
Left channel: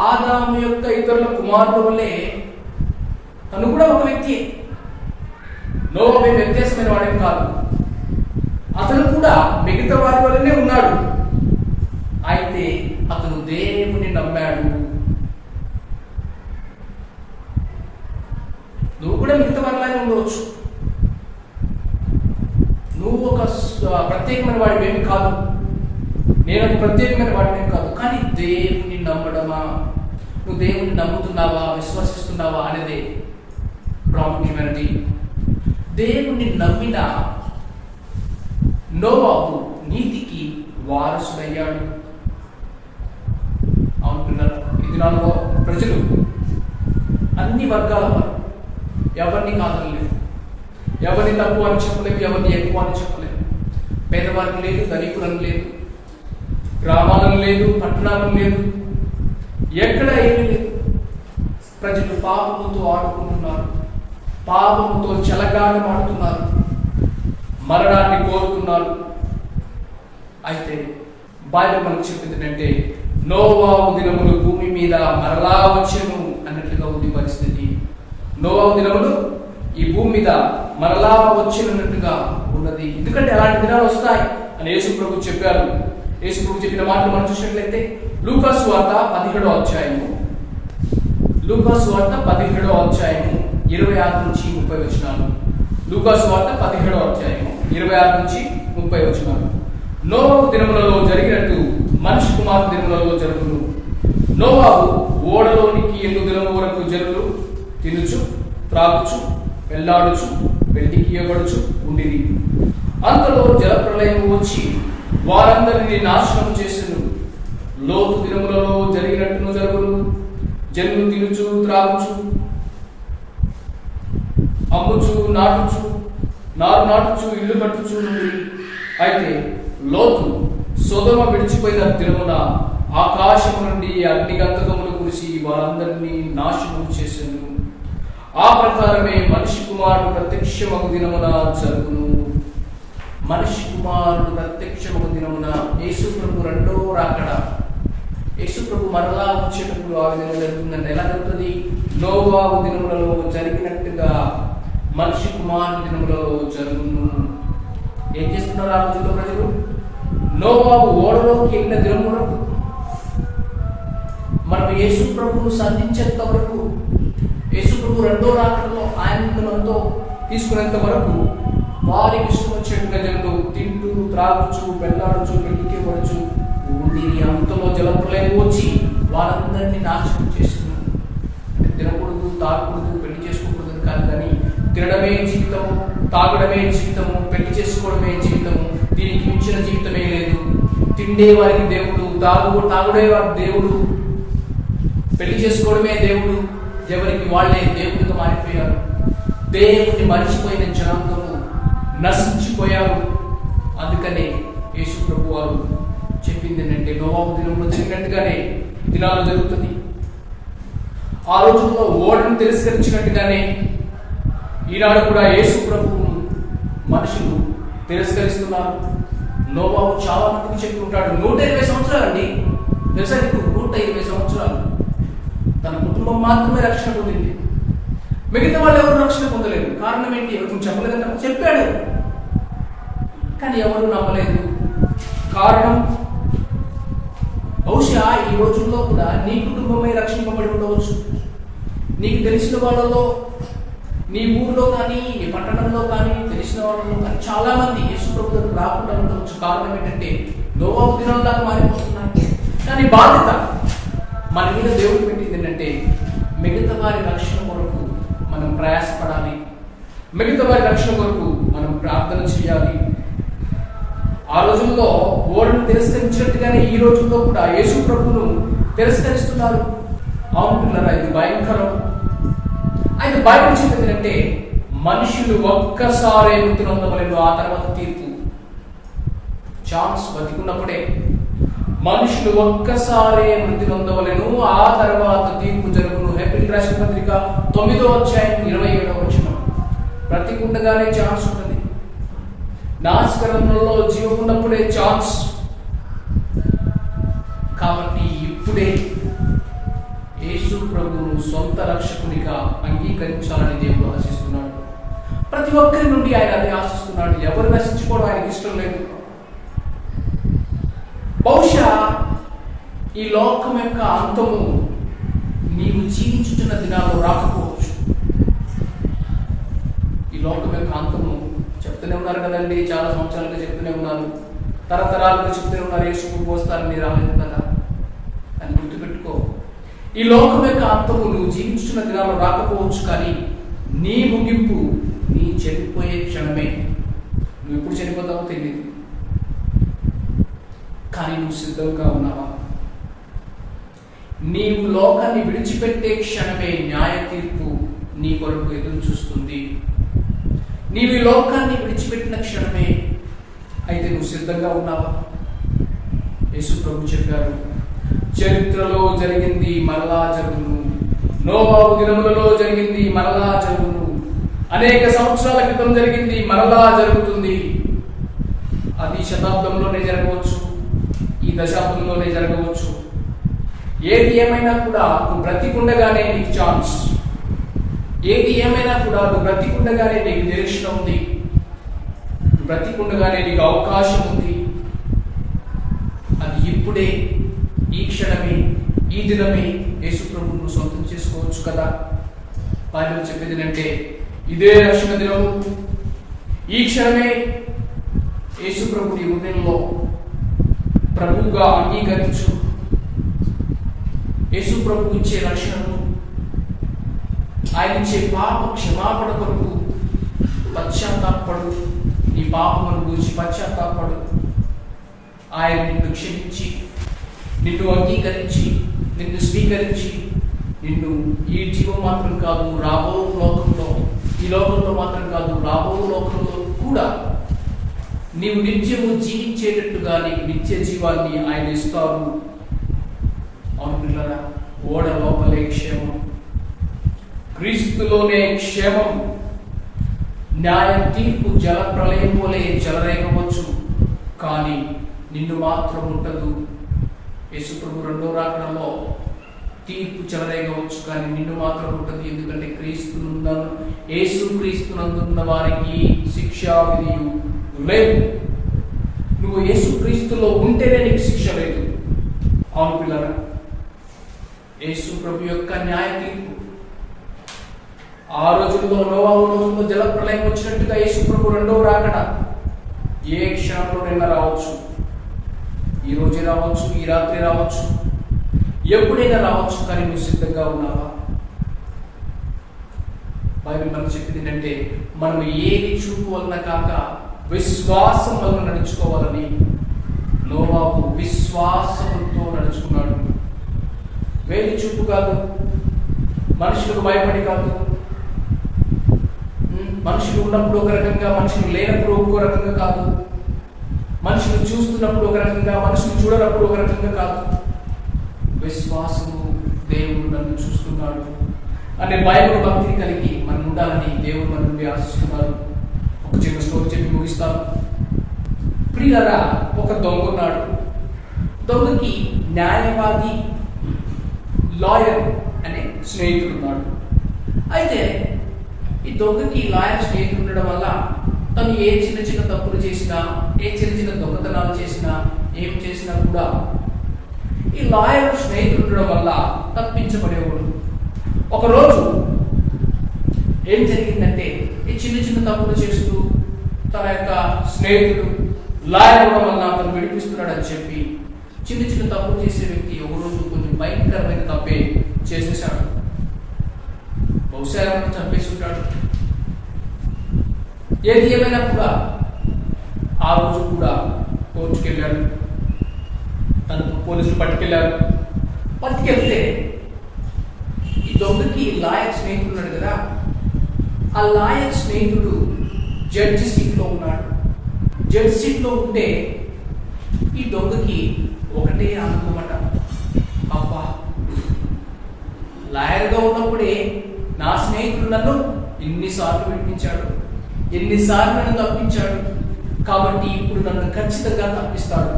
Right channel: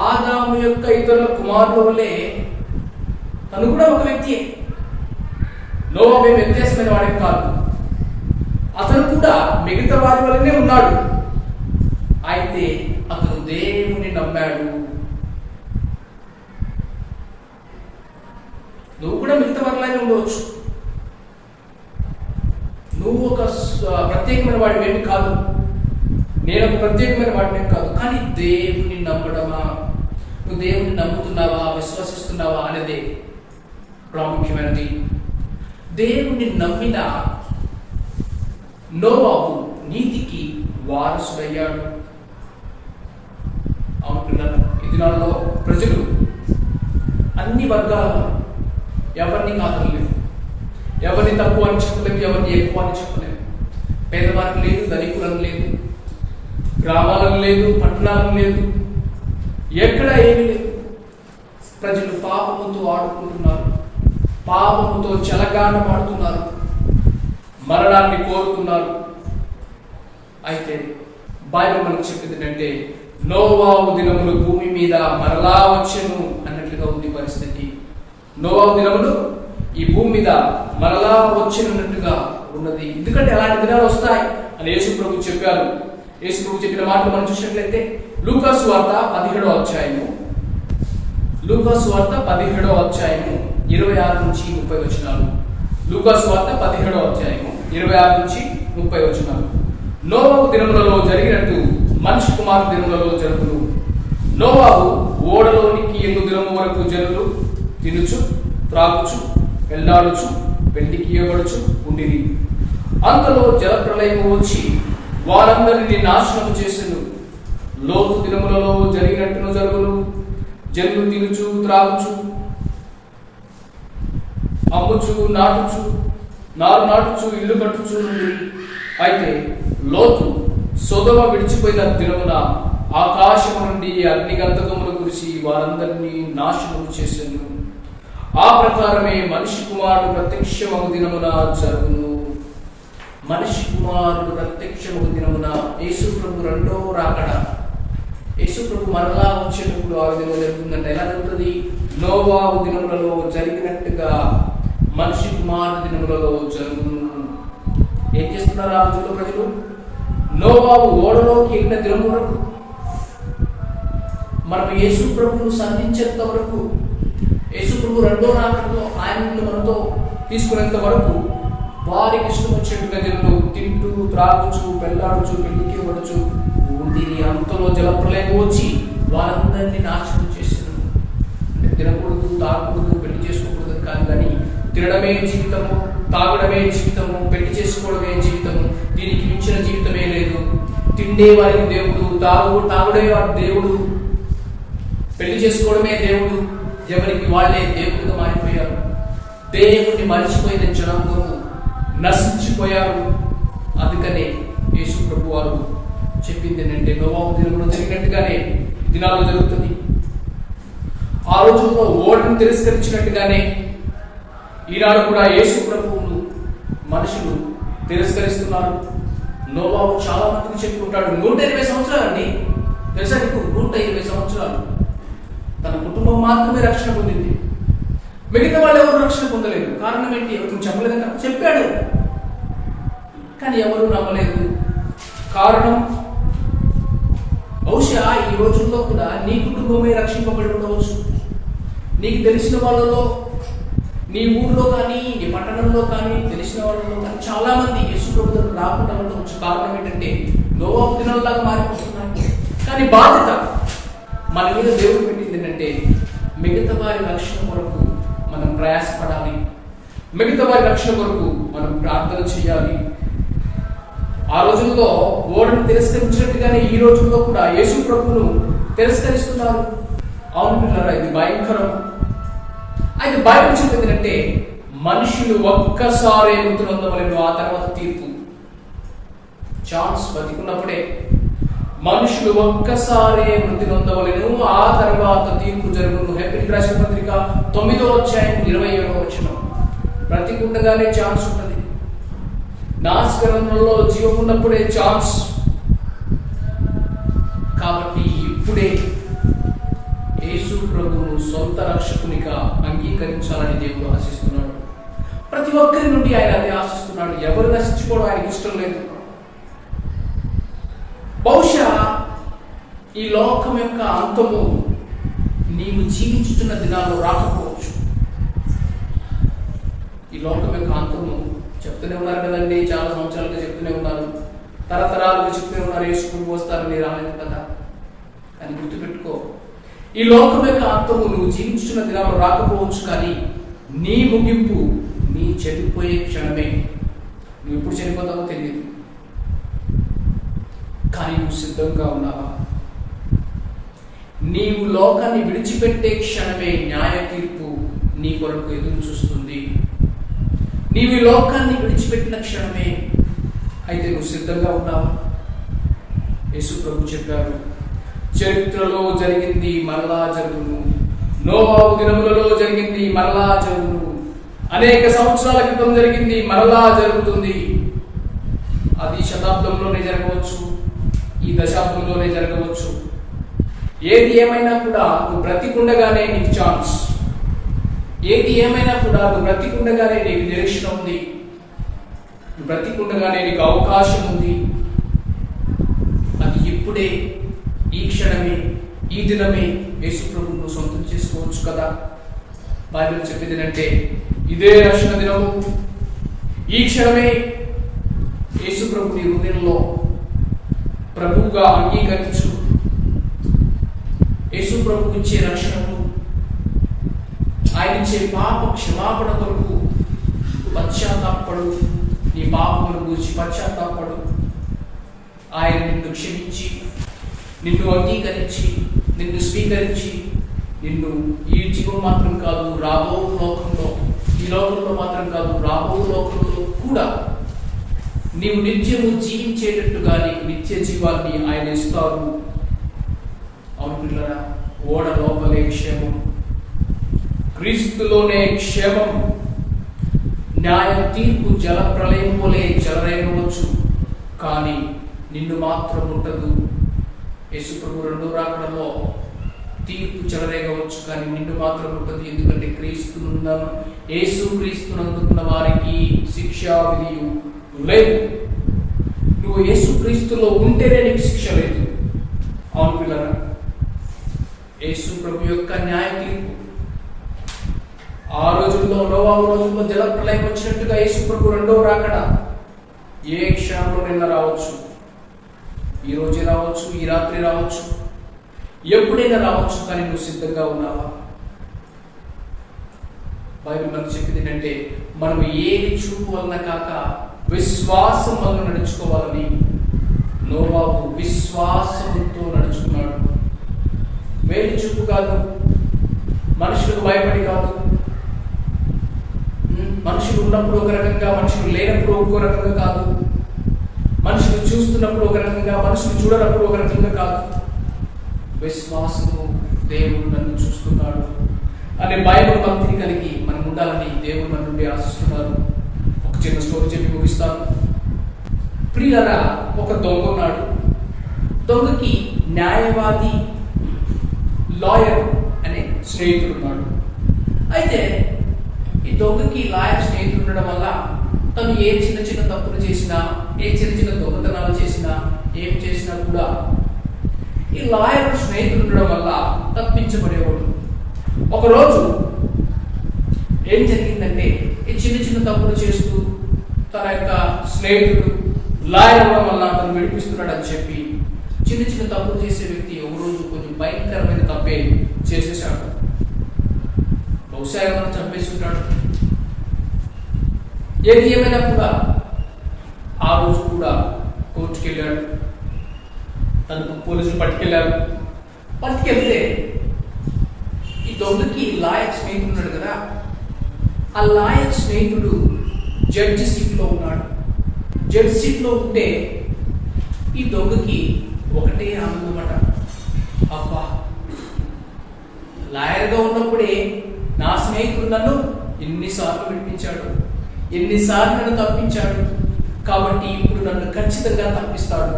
ఆదాము యొక్క ఇతరుల కుమారుల వలె తను కూడా ఒక వ్యక్తియే. నోవాహు వ్యత్యాసమైన వాడేం కాదు. అతను కూడా మిగతా వారి వల్లనే ఉన్నాడు. అయితే అతను దేవుని నమ్మాడు. నువ్వు కూడా మిగతా వారిలాగే ఉండవచ్చు. నువ్వు ఒక ప్రత్యేకమైన వాడివేమి కాదు, నేను ఒక ప్రత్యేకమైన వాడినేం కాదు. కానీ దేవుని నమ్మడమా, నువ్వు దేవుని నమ్ముతున్నావా, విశ్వసిస్తున్నావా అనేదే ప్రాముఖ్యమైనది. దేవుని నమ్మిన నోవాహు నీతికి వారసుడయ్యాడు. అవునుకున్నారు. ఈ దినాల్లో ప్రజలు అన్ని వర్గాల వారు, ఎవరిని కాదనలేదు, ఎవరిని తక్కువ అని చెప్పలేము, ఎవరిని ఎక్కువ అని చెప్పలేము. పేదవారికి లేదు, ధనికులను లేదు, గ్రామాలను లేదు, పట్టణాలను లేదు, ఎక్కడ ఏమీ లేదు. ప్రజలు పాపముతో ఆడుకుంటున్నారు, పాపముతో చెలగాటమాడుతున్నారు, మరణాన్ని కోరుతున్నారు. అయితే బైబిల్ మనకు చెప్పింది ఏంటంటే నోవాహు దినములు భూమి మీద మరలా వచ్చెను అన్నట్లుగా ఉంది పరిస్థితి. నోవాహు దినములు ఈ భూమి మీద మరలా వచ్చేనట్టుగా ఉన్నది. ఎందుకంటే అలాంటి దినాలు వస్తాయి అని యేసు ప్రభు చెప్పారు. యేసు ప్రభు చెప్పిన మాటలు మనం చూసినట్లయితే లూకా సువార్త 17వ అధ్యాయము, లూకా సువార్త 17వ అధ్యాయము 26 నుంచి 30 వచనాలు. లూకా సువార్త 17వ అధ్యాయము 26 నుంచి 30 వచనాలు. నోవాహు దినములలో జరిగినట్టు మనిషి కుమారు దినములలో జరుగును. నోవాహు ఓడలోనికి 8 దినముల వరకు జనులు తినుచు, త్రాగుచు, వెళ్లాడుచు, వెండికి ఇవ్వబడుచు ఉండిరి. అంతలో జలప్రళయము వచ్చి వారందరినీ నాశనము చేసెను. లోతు దినములలో జరిగినట్టును జరుగును. జనులు తినుచు, త్రాగుచు, అమ్ముచు, నాటుచు, నారు నాటుచు, ఇల్లు కట్టుచు నుండి. అయితే లోతు సొదొమ విడిచిపోయిన దినమున ఆకాశము నుండి అగ్నిగంధకములు కురిసి వారందరినీ నాశనము చేసెను. ఆ ప్రకారమే మనిషి కుమారుడు ప్రత్యక్షమగు దినమున జరుగును. మనిషి కుమారుడు ప్రత్యక్షమగు దినమున యేసు ప్రభు రెండో రాకడ, యేసు ప్రభు మరలా వచ్చేటప్పుడు ఆ విధంగా జరుగుతుందంటే ఎలా జరుగుతుంది? నోవాహు దినములలో జరిగినట్టుగా మనిషి కుమారుడు దినములలో జరుగును. ఏం చేస్తున్నారు ఆ రోజుల్లో ప్రజలు? నోవాహు ఓడలోకి ఎక్కిన దినం వరకు, మనం యేసు ప్రభువును సంధించేంత వరకు, యేసు ప్రభు రెండో రాకడలో ఆయనను మనతో తీసుకునేంత వరకు వారికి ఇష్టం వచ్చేట్టుగా జనులు తింటూ, త్రాగుచు, పెళ్లాడుచు, పెళ్లికి పడుచు ఉండిరి. అంతలో జలప్రలయం వచ్చి వారందరినీ నాశనం చేసింది. అంటే తినకూడదు, తాగకూడదు, పెళ్లి చేసుకోకూడదు కాదు, కానీ తినడమే జీవితము, తాగడమే జీవితము, పెళ్లి చేసుకోవడమే జీవితము, దీనికి మించిన జీవితమే లేదు. తిండే వారికి దేవుడు, తాగుడే వారి దేవుడు, పెళ్లి చేసుకోవడమే దేవుడు. ఎవరికి వాళ్ళే దేవుడిగా మారిపోయారు. దేవుడిని మరిచిపోయిన జనాంగము నశించిపోయారు. అందుకనే యేసు ప్రభు వారు చెప్పింది ఏంటంటే నోవాహు దినంలో జరిగినట్టుగానే దినాల్లో జరుగుతుంది. ఆ రోజుల్లో ఓడను తిరస్కరించినట్టుగానే ఈనాడు కూడా యేసు ప్రభువును మనుషులు తిరస్కరిస్తున్నారు. నోవాహు చాలా మందికి చెప్పి ఉంటాడు, 120 సంవత్సరాలు అండి, తెలుసా నీకు? 120 సంవత్సరాలు తన కుటుంబం మాత్రమే రక్షణ పొందింది, మిగతా వాళ్ళు ఎవరు రక్షణ పొందలేదు. కారణం ఏంటి? ఎవరికి చెప్పలేదంటే చెప్పాడు, కానీ ఎవరు నమ్మలేదు. కారణం బహుశా ఈ రోజుల్లో కూడా నీ కుటుంబమే రక్షింపబడి ఉండవచ్చు. నీకు తెలిసిన వాళ్ళలో, నీ ఊర్లో కానీ, నీ పట్టణంలో కానీ, తెలిసిన వాళ్ళలో కానీ చాలా మంది యేసు ప్రభు దగ్గర రాకుండా ఉండవచ్చు. కారణం ఏంటంటే నోవాహు దినాల్లాగా మారిపోతున్నాయి. కానీ బాధ్యత మన మీద దేవుడు పెట్టింది ఏంటంటే మిగతా వారి రక్షణ కొరకు మనం ప్రయాసపడాలి, మిగతా వారి రక్షణ కొరకు మనం ప్రార్థన చేయాలి. ఆ రోజుల్లో ఓడను తిరస్కరించినట్టుగానే ఈ రోజుల్లో కూడా యేసు ప్రభువును తిరస్కరిస్తున్నారు. అవును పిల్లరా, ఇది భయంకరం. అయితే బైబిల్ చెప్పింది అంటే మనుషులు ఒక్కసారే మృతి నొందవలేను, ఆ తర్వాత తీర్పు. ఛాన్స్ బతికున్నప్పుడే మనుషులు ఒక్కసారే మృతి నొందవలేను, ఆ తర్వాత తీర్పు జరుగును. హెబ్రీ రాసిన పత్రిక 9వ అధ్యాయం 27వ వచనం. బ్రతికుండగానే ఛాన్స్ ఉంటుంది. నాశకరంలో జీవం ఉన్నప్పుడే ఛాన్స్. కాబట్టి ఇప్పుడే యేసు ప్రభువును సొంత రక్షకునిగా అంగీకరించాలని దేవుడు ఆశిస్తున్నాడు. ప్రతి ఒక్కరి నుండి ఆయన అదే ఆశిస్తున్నాడు. ఎవరు నశించుకోవడం ఆయనకి ఇష్టం లేదు. బహుశా ఈ లోకం యొక్క అంతము నీవు జీవించుతున్న దినాల్లో రాకపోవచ్చు. ఈ లోకం యొక్క అంతము చెప్తూనే ఉన్నారు కదండి, చాలా సంవత్సరాలుగా చెప్తూనే ఉన్నారు, తరతరాలుగా చెప్తూనే ఉన్నారు, యేసు ప్రభు వస్తారని రాలేదు కదా అని గుర్తుపెట్టుకో. ఈ లోకం యొక్క అంతము నువ్వు జీవించుతున్న దినాల్లో రాకపోవచ్చు, కానీ నీ ముగింపు నీ చనిపోయే క్షణమే. నువ్వు ఎప్పుడు చనిపోతావో తెలియదు, కానీ నువ్వు సిద్ధంగా ఉన్నావా? నీవు లోకాన్ని విడిచిపెట్టే క్షణమే న్యాయ తీర్పు నీ కొరకు ఎదురు చూస్తుంది. నీవు ఈ లోకాన్ని విడిచిపెట్టిన క్షణమే. అయితే నువ్వు సిద్ధంగా ఉన్నావా? యేసు ప్రభు చెప్పారు, చరిత్రలో జరిగింది మరలా జరుగును, నోవాహు దినములలో జరిగింది మరలా జరుగును, అనేక సంవత్సరాల క్రితం జరిగింది మరలా జరుగుతుంది. అది శతాబ్దంలోనే జరగవచ్చు, ఈ దశాబ్దంలోనే జరగవచ్చు. ఏది ఏమైనా కూడా నువ్వు బ్రతికుండగానే నీకు ఛాన్స్, ఏది ఏమైనా కూడా నువ్వు బ్రతికుండగానే నీకు నిరీక్షణ ఉంది, నువ్వు బ్రతికుండగానే నీకు అవకాశం ఉంది. అది ఇప్పుడే, ఈ క్షణమే, ఈ దినమే యేసు ప్రభువును నువ్వు సొంతం చేసుకోవచ్చు కదా. బైబిల్ చెప్పేది ఏంటంటే ఇదే రక్షణ దినము, ఈ క్షణమే యేసు ప్రభుని హృదయంలో ప్రభువుగా అంగీకరించు. యేసు ప్రభు ఇచ్చే రక్షణను, ఆయన ఇచ్చే పాప క్షమాపణ కొరకు పశ్చాత్తాపడు. నీ పాపమును గురించి పశ్చాత్తాపడు. ఆయన నిన్ను క్షమించి, నిన్ను అంగీకరించి, నిన్ను స్వీకరించి, నిన్ను ఈ జీవం మాత్రం కాదు రాబో లోకంలో, ఈ లోకంలో మాత్రం కాదు రాబో లోకంలో కూడా నీవు నిత్యము జీవించేటట్టుగా నీకు నిత్య జీవాన్ని ఆయన ఇస్తారు. అవును పిల్లరా, ఓడ లోపలే క్షేమం, క్రీస్తులోనే క్షేమం. న్యాయ తీర్పు జల ప్రళయం వలె చెలరేగవచ్చు, కానీ నిన్ను మాత్రం ఉండదు. యేసు ప్రభు రెండో రాకడలో తీర్పు చెలరేగవచ్చు, కానీ నిన్ను మాత్రం ఉండదు. ఎందుకంటే యేసు క్రీస్తునందున్న వారికి శిక్షా విధి లేదు. నువ్వు యేసు క్రీస్తులో ఉంటేనే నీకు శిక్ష లేదు. అవును పిల్లరా, యేసు ప్రభు యొక్క న్యాయ తీర్పు ఆ రోజుల్లో, నోవాహు రోజుల్లో జల ప్రళయం వచ్చినట్టుగా యేసు ప్రభు రెండో రాకడ ఏ క్షణంలోనైనా రావచ్చు. ఈ రోజే రావచ్చు, ఈ రాత్రి రావచ్చు, ఎప్పుడైనా రావచ్చు. కానీ నువ్వు సిద్ధంగా ఉన్నావా? బైబిల్ మనకు చెప్పింది ఏంటంటే మనం ఏది చూపు వలన కాక విశ్వాసం వలన నడుచుకోవాలని. నోవాహు విశ్వాసంతో నడుచుకున్నాడు. వేలి చూపు కాదు, మనుషులకు భయపడి కాదు. మనుషులు ఉన్నప్పుడు ఒక రకంగా, మనుషులు లేనప్పుడు ఇంకో రకంగా కాదు. మనుషులు చూస్తున్నప్పుడు ఒక రకంగా, మనుషులు చూడనప్పుడు ఒక రకంగా కాదు. విశ్వాసము, దేవుడు నన్ను చూస్తున్నాడు అనే బైబిల్ భక్తిని కలిగి మనం ఉండాలని దేవుడు మన నుండి ఆశిస్తున్నారు. ఒక చిన్న స్టోరీ చెప్పి ముగిస్తాను. ప్రియులారా, ఒక దొంగ ఉన్నాడు. దొంగకి న్యాయవాది, లాయర్ అనే స్నేహితుడు ఉన్నాడు. అయితే ఈ దొంగకి లాయర్ స్నేహితుడు ఉండడం వల్ల తను ఏ చిన్న చిన్న తప్పులు చేసినా, ఏ చిన్న చిన్న దొంగతనాలు చేసినా, ఏం చేసినా కూడా ఈ లాయర్ స్నేహితుడు ఉండడం వల్ల తప్పించబడేవాడు. ఒకరోజు ఏం జరిగిందంటే, ఈ చిన్న చిన్న తప్పులు చేస్తూ తన యొక్క స్నేహితుడు లాయర్ అవ్వడం వల్ల తను విడిపిస్తున్నాడని చెప్పి చిన్న చిన్న తప్పులు చేసే వ్యక్తి ఒకరోజు కొంచెం భయంకరమైన తప్పే చేసేసాడు. బహుశా ఏమైనా చంపేసి ఉంటాడు. ఏది ఏమైనా కూడా ఆ రోజు కూడా కోర్టుకు వెళ్ళాడు. తను పోలీసులు పట్టుకెళ్తే ఈ దొంగకి లాయర్ స్నేహితుడు ఉన్నాడు కదా, ఆ లాయర్ స్నేహితుడు జడ్జి సీట్లో ఉన్నాడు. జడ్జి సీట్లో ఉంటే ఈ దొంగకి ఒకటే ఆనందమట, అబ్బా లాయర్గా ఉన్నప్పుడే నా స్నేహితుడు నన్ను ఎన్నిసార్లు విడిపించాడు, ఎన్నిసార్లు నన్ను తప్పించాడు, కాబట్టి ఇప్పుడు నన్ను ఖచ్చితంగా తప్పిస్తాడు.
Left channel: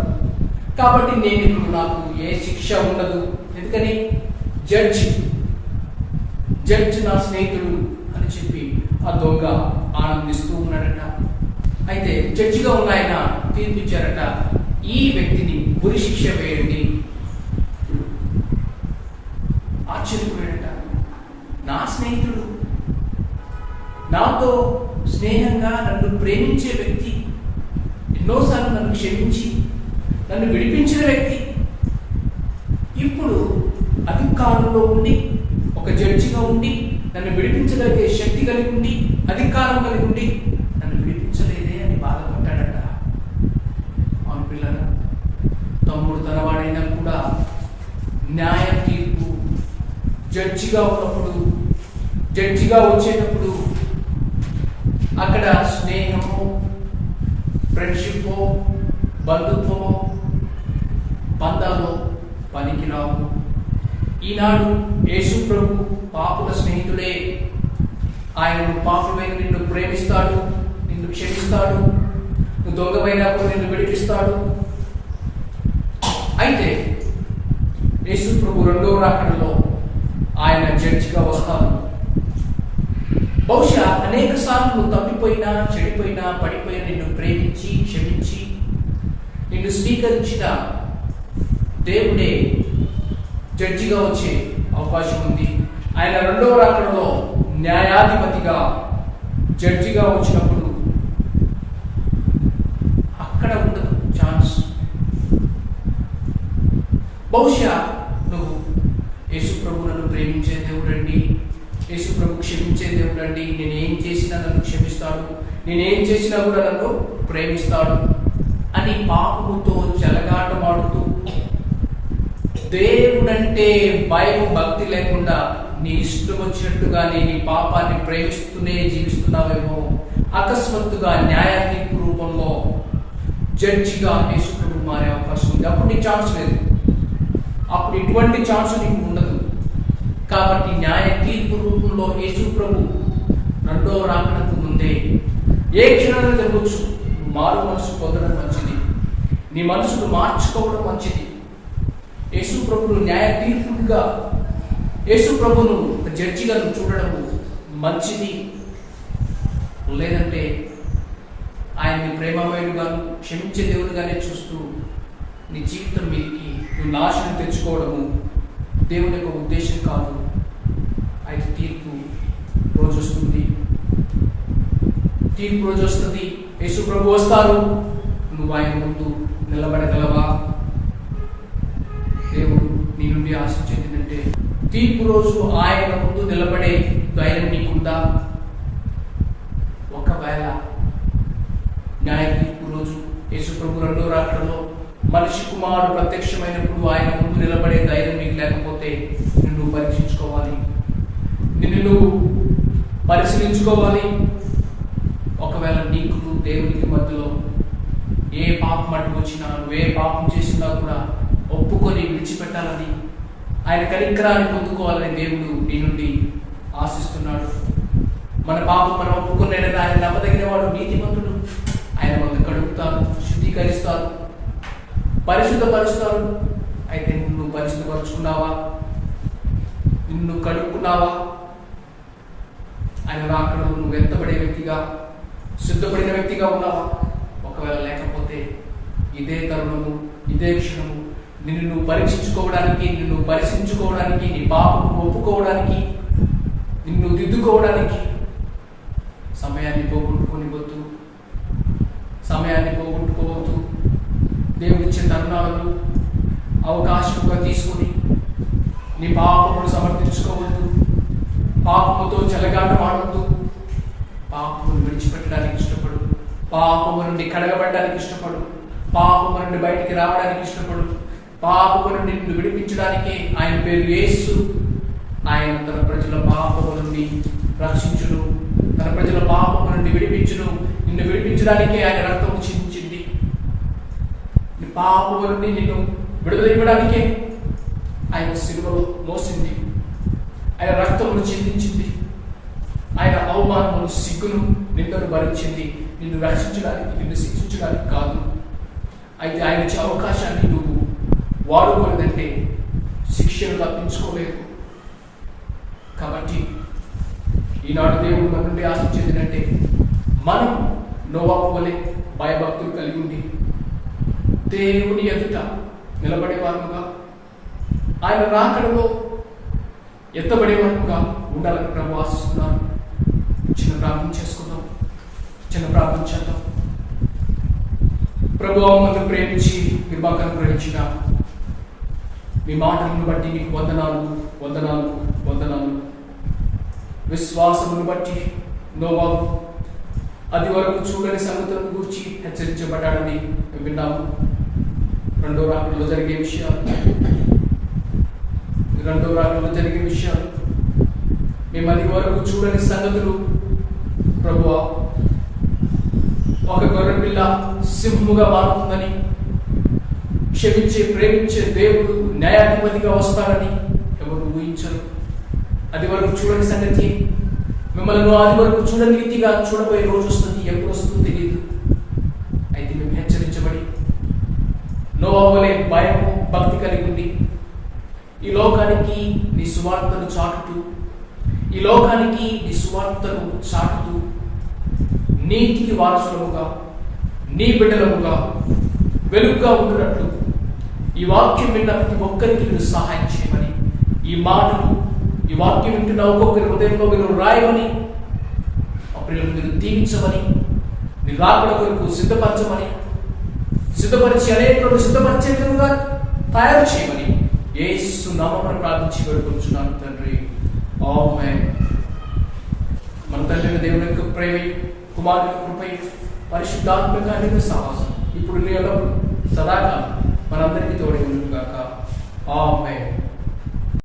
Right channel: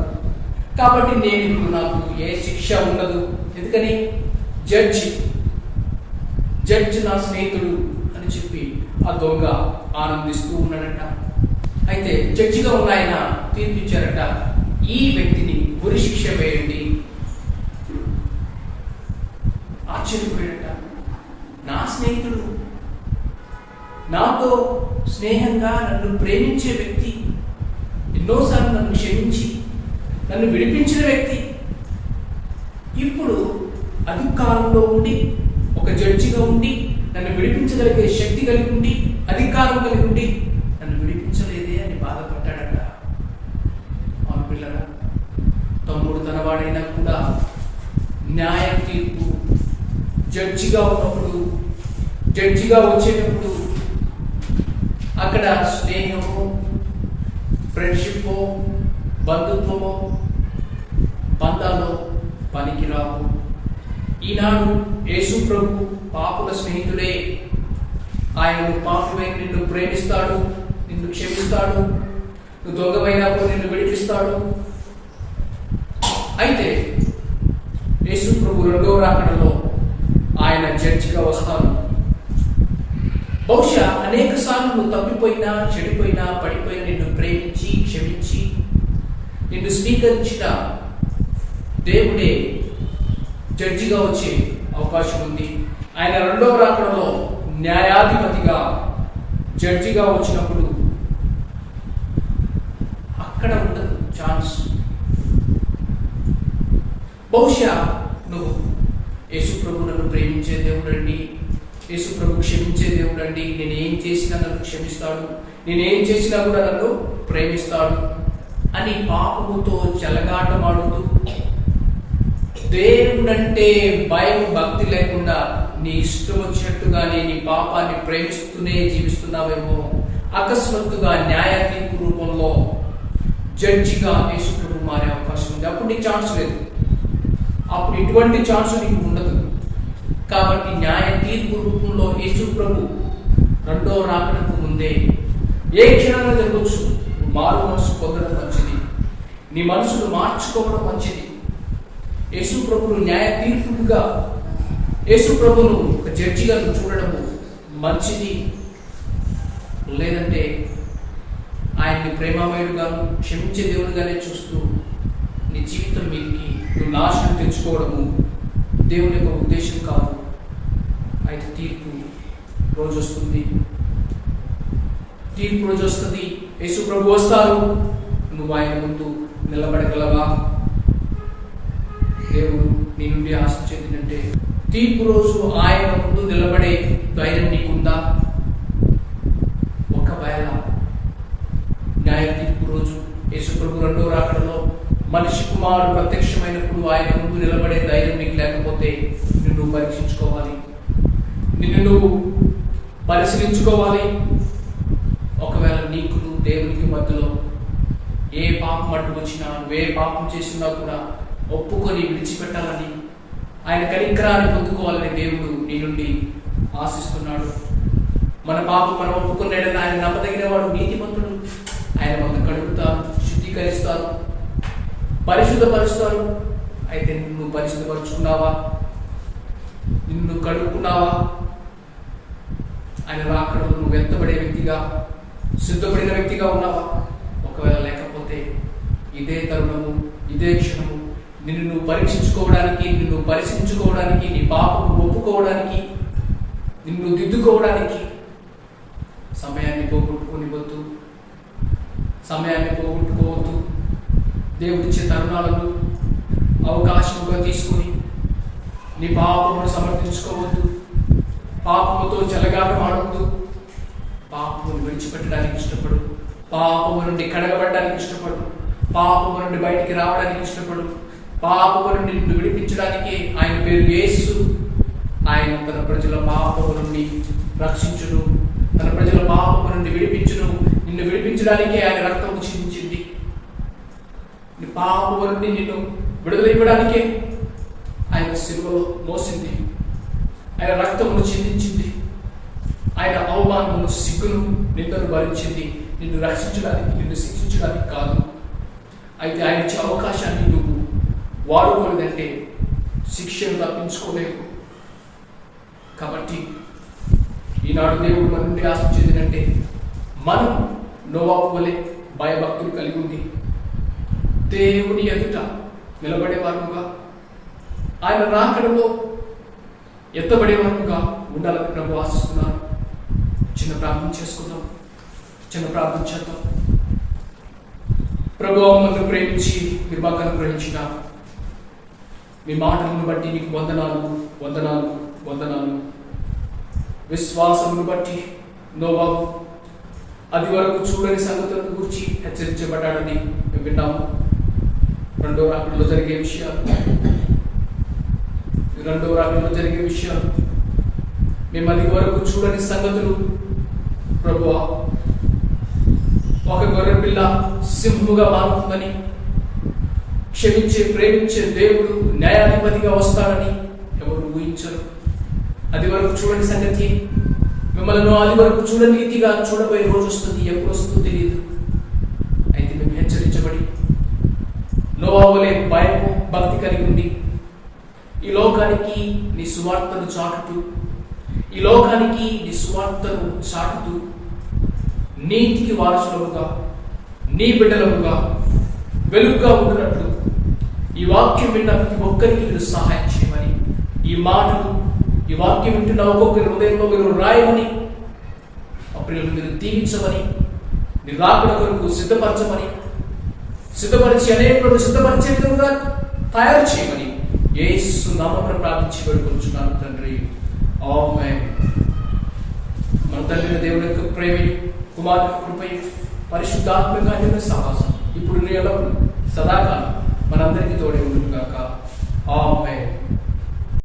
కాబట్టి నేను ఇప్పుడు నాకు ఏ శిక్ష ఉండదు. ఎందుకని జడ్జి నా స్నేహితుడు అని చెప్పి ఆ దొంగ ఆనందిస్తూ ఉన్నాడట. అయితే జడ్జిగా ఉన్న ఆయన తీర్పిచ్చారట, ఈ వ్యక్తిని ఉరి శిక్ష వేయండి. ఆశ్చర్యపోయాడట. నా స్నేహితుడు, నాతో స్నేహంగా నన్ను ప్రేమించే వ్యక్తి, ఎన్నోసార్లు నన్ను క్షమించి నన్ను విడిపించిన వ్యక్తి, ఇప్పుడు అధికారంలో ఉండి, ఒక జడ్జిగా ఉండి, నన్ను విడిపించగలిగే శక్తి కలిగి ఉండి, అధికారం కలిగి ఉండి నన్ను విడిపించలేదే అని బాధపడ్డాడట. అవును పిల్లగా, తమ్ముడు తనవాడైనా కూడా న్యాయ తీర్పు జడ్జిగా ఉన్నప్పుడు, జడ్జిగా వచ్చేటప్పుడు అక్కడ స్నేహము, ఫ్రెండ్షిప్, బంధుత్వము, బంధాల్లో పనికిరావు. ఈనాడు యేసు ప్రభు పాపుల స్నేహితుడే. ఆయన పాపమైన నిన్ను ప్రేమిస్తాడు, నిన్ను క్షమిస్తాడు, నువ్వు దొంగమైనప్పుడు నిన్ను విడిపిస్తాడు. అయితే యేసు ప్రభు రెండవ రాకడలో ఆయన జడ్జిగా వస్తాడు. బహుశా అనేక సార్లు నువ్వు తప్పిపోయినా, చెడిపోయినా, పడిపోయినా నిన్ను ప్రేమించి, క్షమించి, నిన్ను స్వీకరించిన దేవుడే జడ్జిగా వచ్చే అవకాశం ఉంది. ఆయన రెండవ రాకడలో న్యాయాధిపతిగా, జడ్జిగా వచ్చినప్పుడు అక్కడ ఉండదు ఛాన్స్. బహుశా నువ్వు యేసు ప్రభు నన్ను ప్రేమించే దేవుడండి, యేసు ప్రభు క్షమించే దేవుడండి, నేనేం చేసినా నన్ను క్షమిస్తాడు, నేనేం చేసినా కూడా నన్ను ప్రేమిస్తాడు అని పాపముతో చెలగాటమాడుతూ, దేవుడంటే భయం, భక్తి లేకుండా నీ ఇష్టం వచ్చినట్టుగానే నీ పాపాన్ని ప్రేమిస్తూనే జీవిస్తున్నావేమో. అకస్మాత్తుగా న్యాయ తీర్పు రూపంలో జడ్జిగా యేసు ప్రభు మారే అవకాశం ఉంది. అప్పుడు నీకు ఛాన్స్ లేదు, అప్పుడు ఇటువంటి ఛాన్స్ నీకు ఉండదు. కాబట్టి న్యాయ తీర్పు రూపంలో యేసు ప్రభు రెండో రాకడకు ముందే ఏ క్షణాన్ని జరగవచ్చు. మారు మనసు పొందడం మంచిది, నీ మనసును మార్చుకోవడం మంచిది. యేసు ప్రభును న్యాయ తీర్పుగా, యేసు ప్రభును ఒక జడ్జిగా నువ్వు చూడడము మంచిది. లేదంటే ఆయన్ని ప్రేమమయుడుగాను, క్షమించే దేవుడిగానే చూస్తూ నీ జీవితం మీదకి నువ్వు నాశనం తెచ్చుకోవడము దేవుని యొక్క ఉద్దేశం కాదు. అయితే తీర్పు రోజు వస్తుంది, తీర్పు రోజు వస్తుంది. యేసు ప్రభు వస్తారు, నువ్వు ఆయన ముందు నిలబడగలవా? దేవుడు నీ నుండి ఆశించేది ఏంటంటే తీర్పు రోజు ఆయన ముందు నిలబడే ధైర్యం నీకుందా? ఒకవేళ న్యాయ తీర్పు రోజు యేసు ప్రభు రెండో రాకడలో మనిషి కుమారుడు ప్రత్యక్షమైనప్పుడు ఆయన ముందు నిలబడే ధైర్యం నీకు లేకపోతే నిన్ను పరీక్షించుకోవాలి, నిన్ను నువ్వు పరిశీలించుకోవాలి. ఒకవేళ నీకు దేవునికి మధ్యలో ఏ పాపం అడ్డు వచ్చినా, నువ్వే పాపం చేసినా కూడా ఒప్పుకొని విడిచిపెట్టాలని, ఆయన కనికరాన్ని పొందుకోవాలని దేవుడు నీ నుండి ఆశిస్తున్నాడు. మన పాపం మనం ఒప్పుకున్నాడని ఆయన నమ్మదగిన వాడు, నీతిమంతుడు. ఆయన మనల్ని కడుగుతారు, శుద్ధీకరిస్తారు, పరిశుద్ధపరుస్తారు. అయితే నువ్వు పరిశుద్ధపరుచుకున్నావా? నిన్ను కడుక్కున్నావా? ఆయన రాకడలో నువ్వు ఎత్తబడే వ్యక్తిగా, సిద్ధపడిన వ్యక్తిగా ఉన్నావా? ఒకవేళ లేకపోతే ఇదే తరుణము, ఇదే క్షణము నిన్ను నువ్వు పరీక్షించుకోవడానికి, నిన్ను పరిశీలించుకోవడానికి, నీ పాపము ఒప్పుకోవడానికి, నిన్ను దిద్దుకోవడానికి సమయాన్ని పోగొట్టుకోనివద్దు, సమయాన్ని పోగొట్టుకోవద్దు. దేవుడిచ్చే తరుణాలను అవకాశంగా తీసుకుని నీ పాపమును సమర్థించుకోవద్దు, పాపముతో చెలగాటమాడవద్దు. పాపమును విడిచిపెట్టడానికి ఇష్టపడు, పాపము నుండి కడగబడడానికి ఇష్టపడు, పాపము నుండి బయటికి రావడానికి ఇష్టపడు. పాపము నుండి నిన్ను విడిపించడానికి ఆయన పేరు యేసు. ఆయన తన ప్రజల పాపము నుండి రక్షించును, తన ప్రజల పాపము నుండి విడిపించును. నిన్ను విడిపించడానికే ఆయన రక్తము చిందించింది. నీ పాపము నుండి నిన్ను విడుదల ఇవ్వడానికే ఆయన శిలువలో మోసింది, ఆయన రక్తమును చిందించింది, ఆయన అవమానమును, సిగ్గును, నిందను భరించింది. నిన్ను రక్షించడానికి, నిన్ను శిక్షించడానికి కాదు. అయితే ఆయన ఇచ్చే అవకాశాన్ని నువ్వు వాడుకోలేదంటే శిక్షను తప్పించుకోలేవు. కాబట్టి ఈనాడు దేవుడు మన నుండి ఆశించేది ఏంటంటే మనం నోవాహు వలె భయభక్తులు కలిగి ఉండి దేవుని ఎదుట నిలబడేవారుగా, ఆయన రాకడలో ఎత్తబడేవారుగా ఉండాలని ప్రభు ఆశిస్తున్నారు. చిన్న ప్రార్థన చేసుకుందాం. చిన్న ప్రార్థన చేద్దాం. ప్రభువా, మమ్మల్ని ప్రేమించి మీరు మాకు అనుగ్రహించిన మీ మాటలను బట్టి నీకు వందనాలు వందనాలు వందనాలు. విశ్వాసమును బట్టి నోవాహు అది వరకు చూడని సంగతులను గురించి హెచ్చరించబడ్డాడని మేము విన్నాము. రెండో రాకడలో జరిగే విషయాలు మేము అది వరకు చూడని సంగతులు. ప్రభువా, ఒక గొర్రె పిల్ల సింహముగా మారుతుందని, క్షమించే ప్రేమించే దేవుడు న్యాయాధిపతిగా వస్తాడని ఎవరు ఊహించరు. అది వరకు చూడని సంగతి మిమ్మల్ని అది వరకు చూడని రీతిగా చూడబోయే రోజు వస్తుంది. ఎప్పుడు వస్తుందో తెలియదు. అయితే మేము హెచ్చరించబడి నోవాహువలే భయం భక్తి కలిగి ఉండి ఈ లోకానికి నీ సువార్తను చాటుతూ నీతికి వారసులముగా నీ బిడ్డలముగా వెలుగుగా ఉండినట్లు ఈ వాక్యం విన్న ప్రతి ఒక్కరికి మీరు సహాయం చేయమని, ఈ వాక్యం వింటున్న ఒక్కొక్కరి హృదయంలో మీరు రాయమని, అప్పుడు మీరు దీవించమని, నీ రాకడ కొరకు సిద్ధపరిచి అనేకులను సిద్ధపరిచే విధంగా తయారు చేయమని యేసు నామమున ప్రార్థించి వేడుకొనుచున్నాను తండ్రి. ఆమేన్. మన తండ్రి దేవుని యొక్క ప్రేమ, కుమారుని కృపై, పరిశుద్ధాత్మక సహవాసం ఇప్పుడు ఎల్లప్పుడూ సదాకాలం మనందరికీ తోడే ఉండును గాక. ఆమేన్.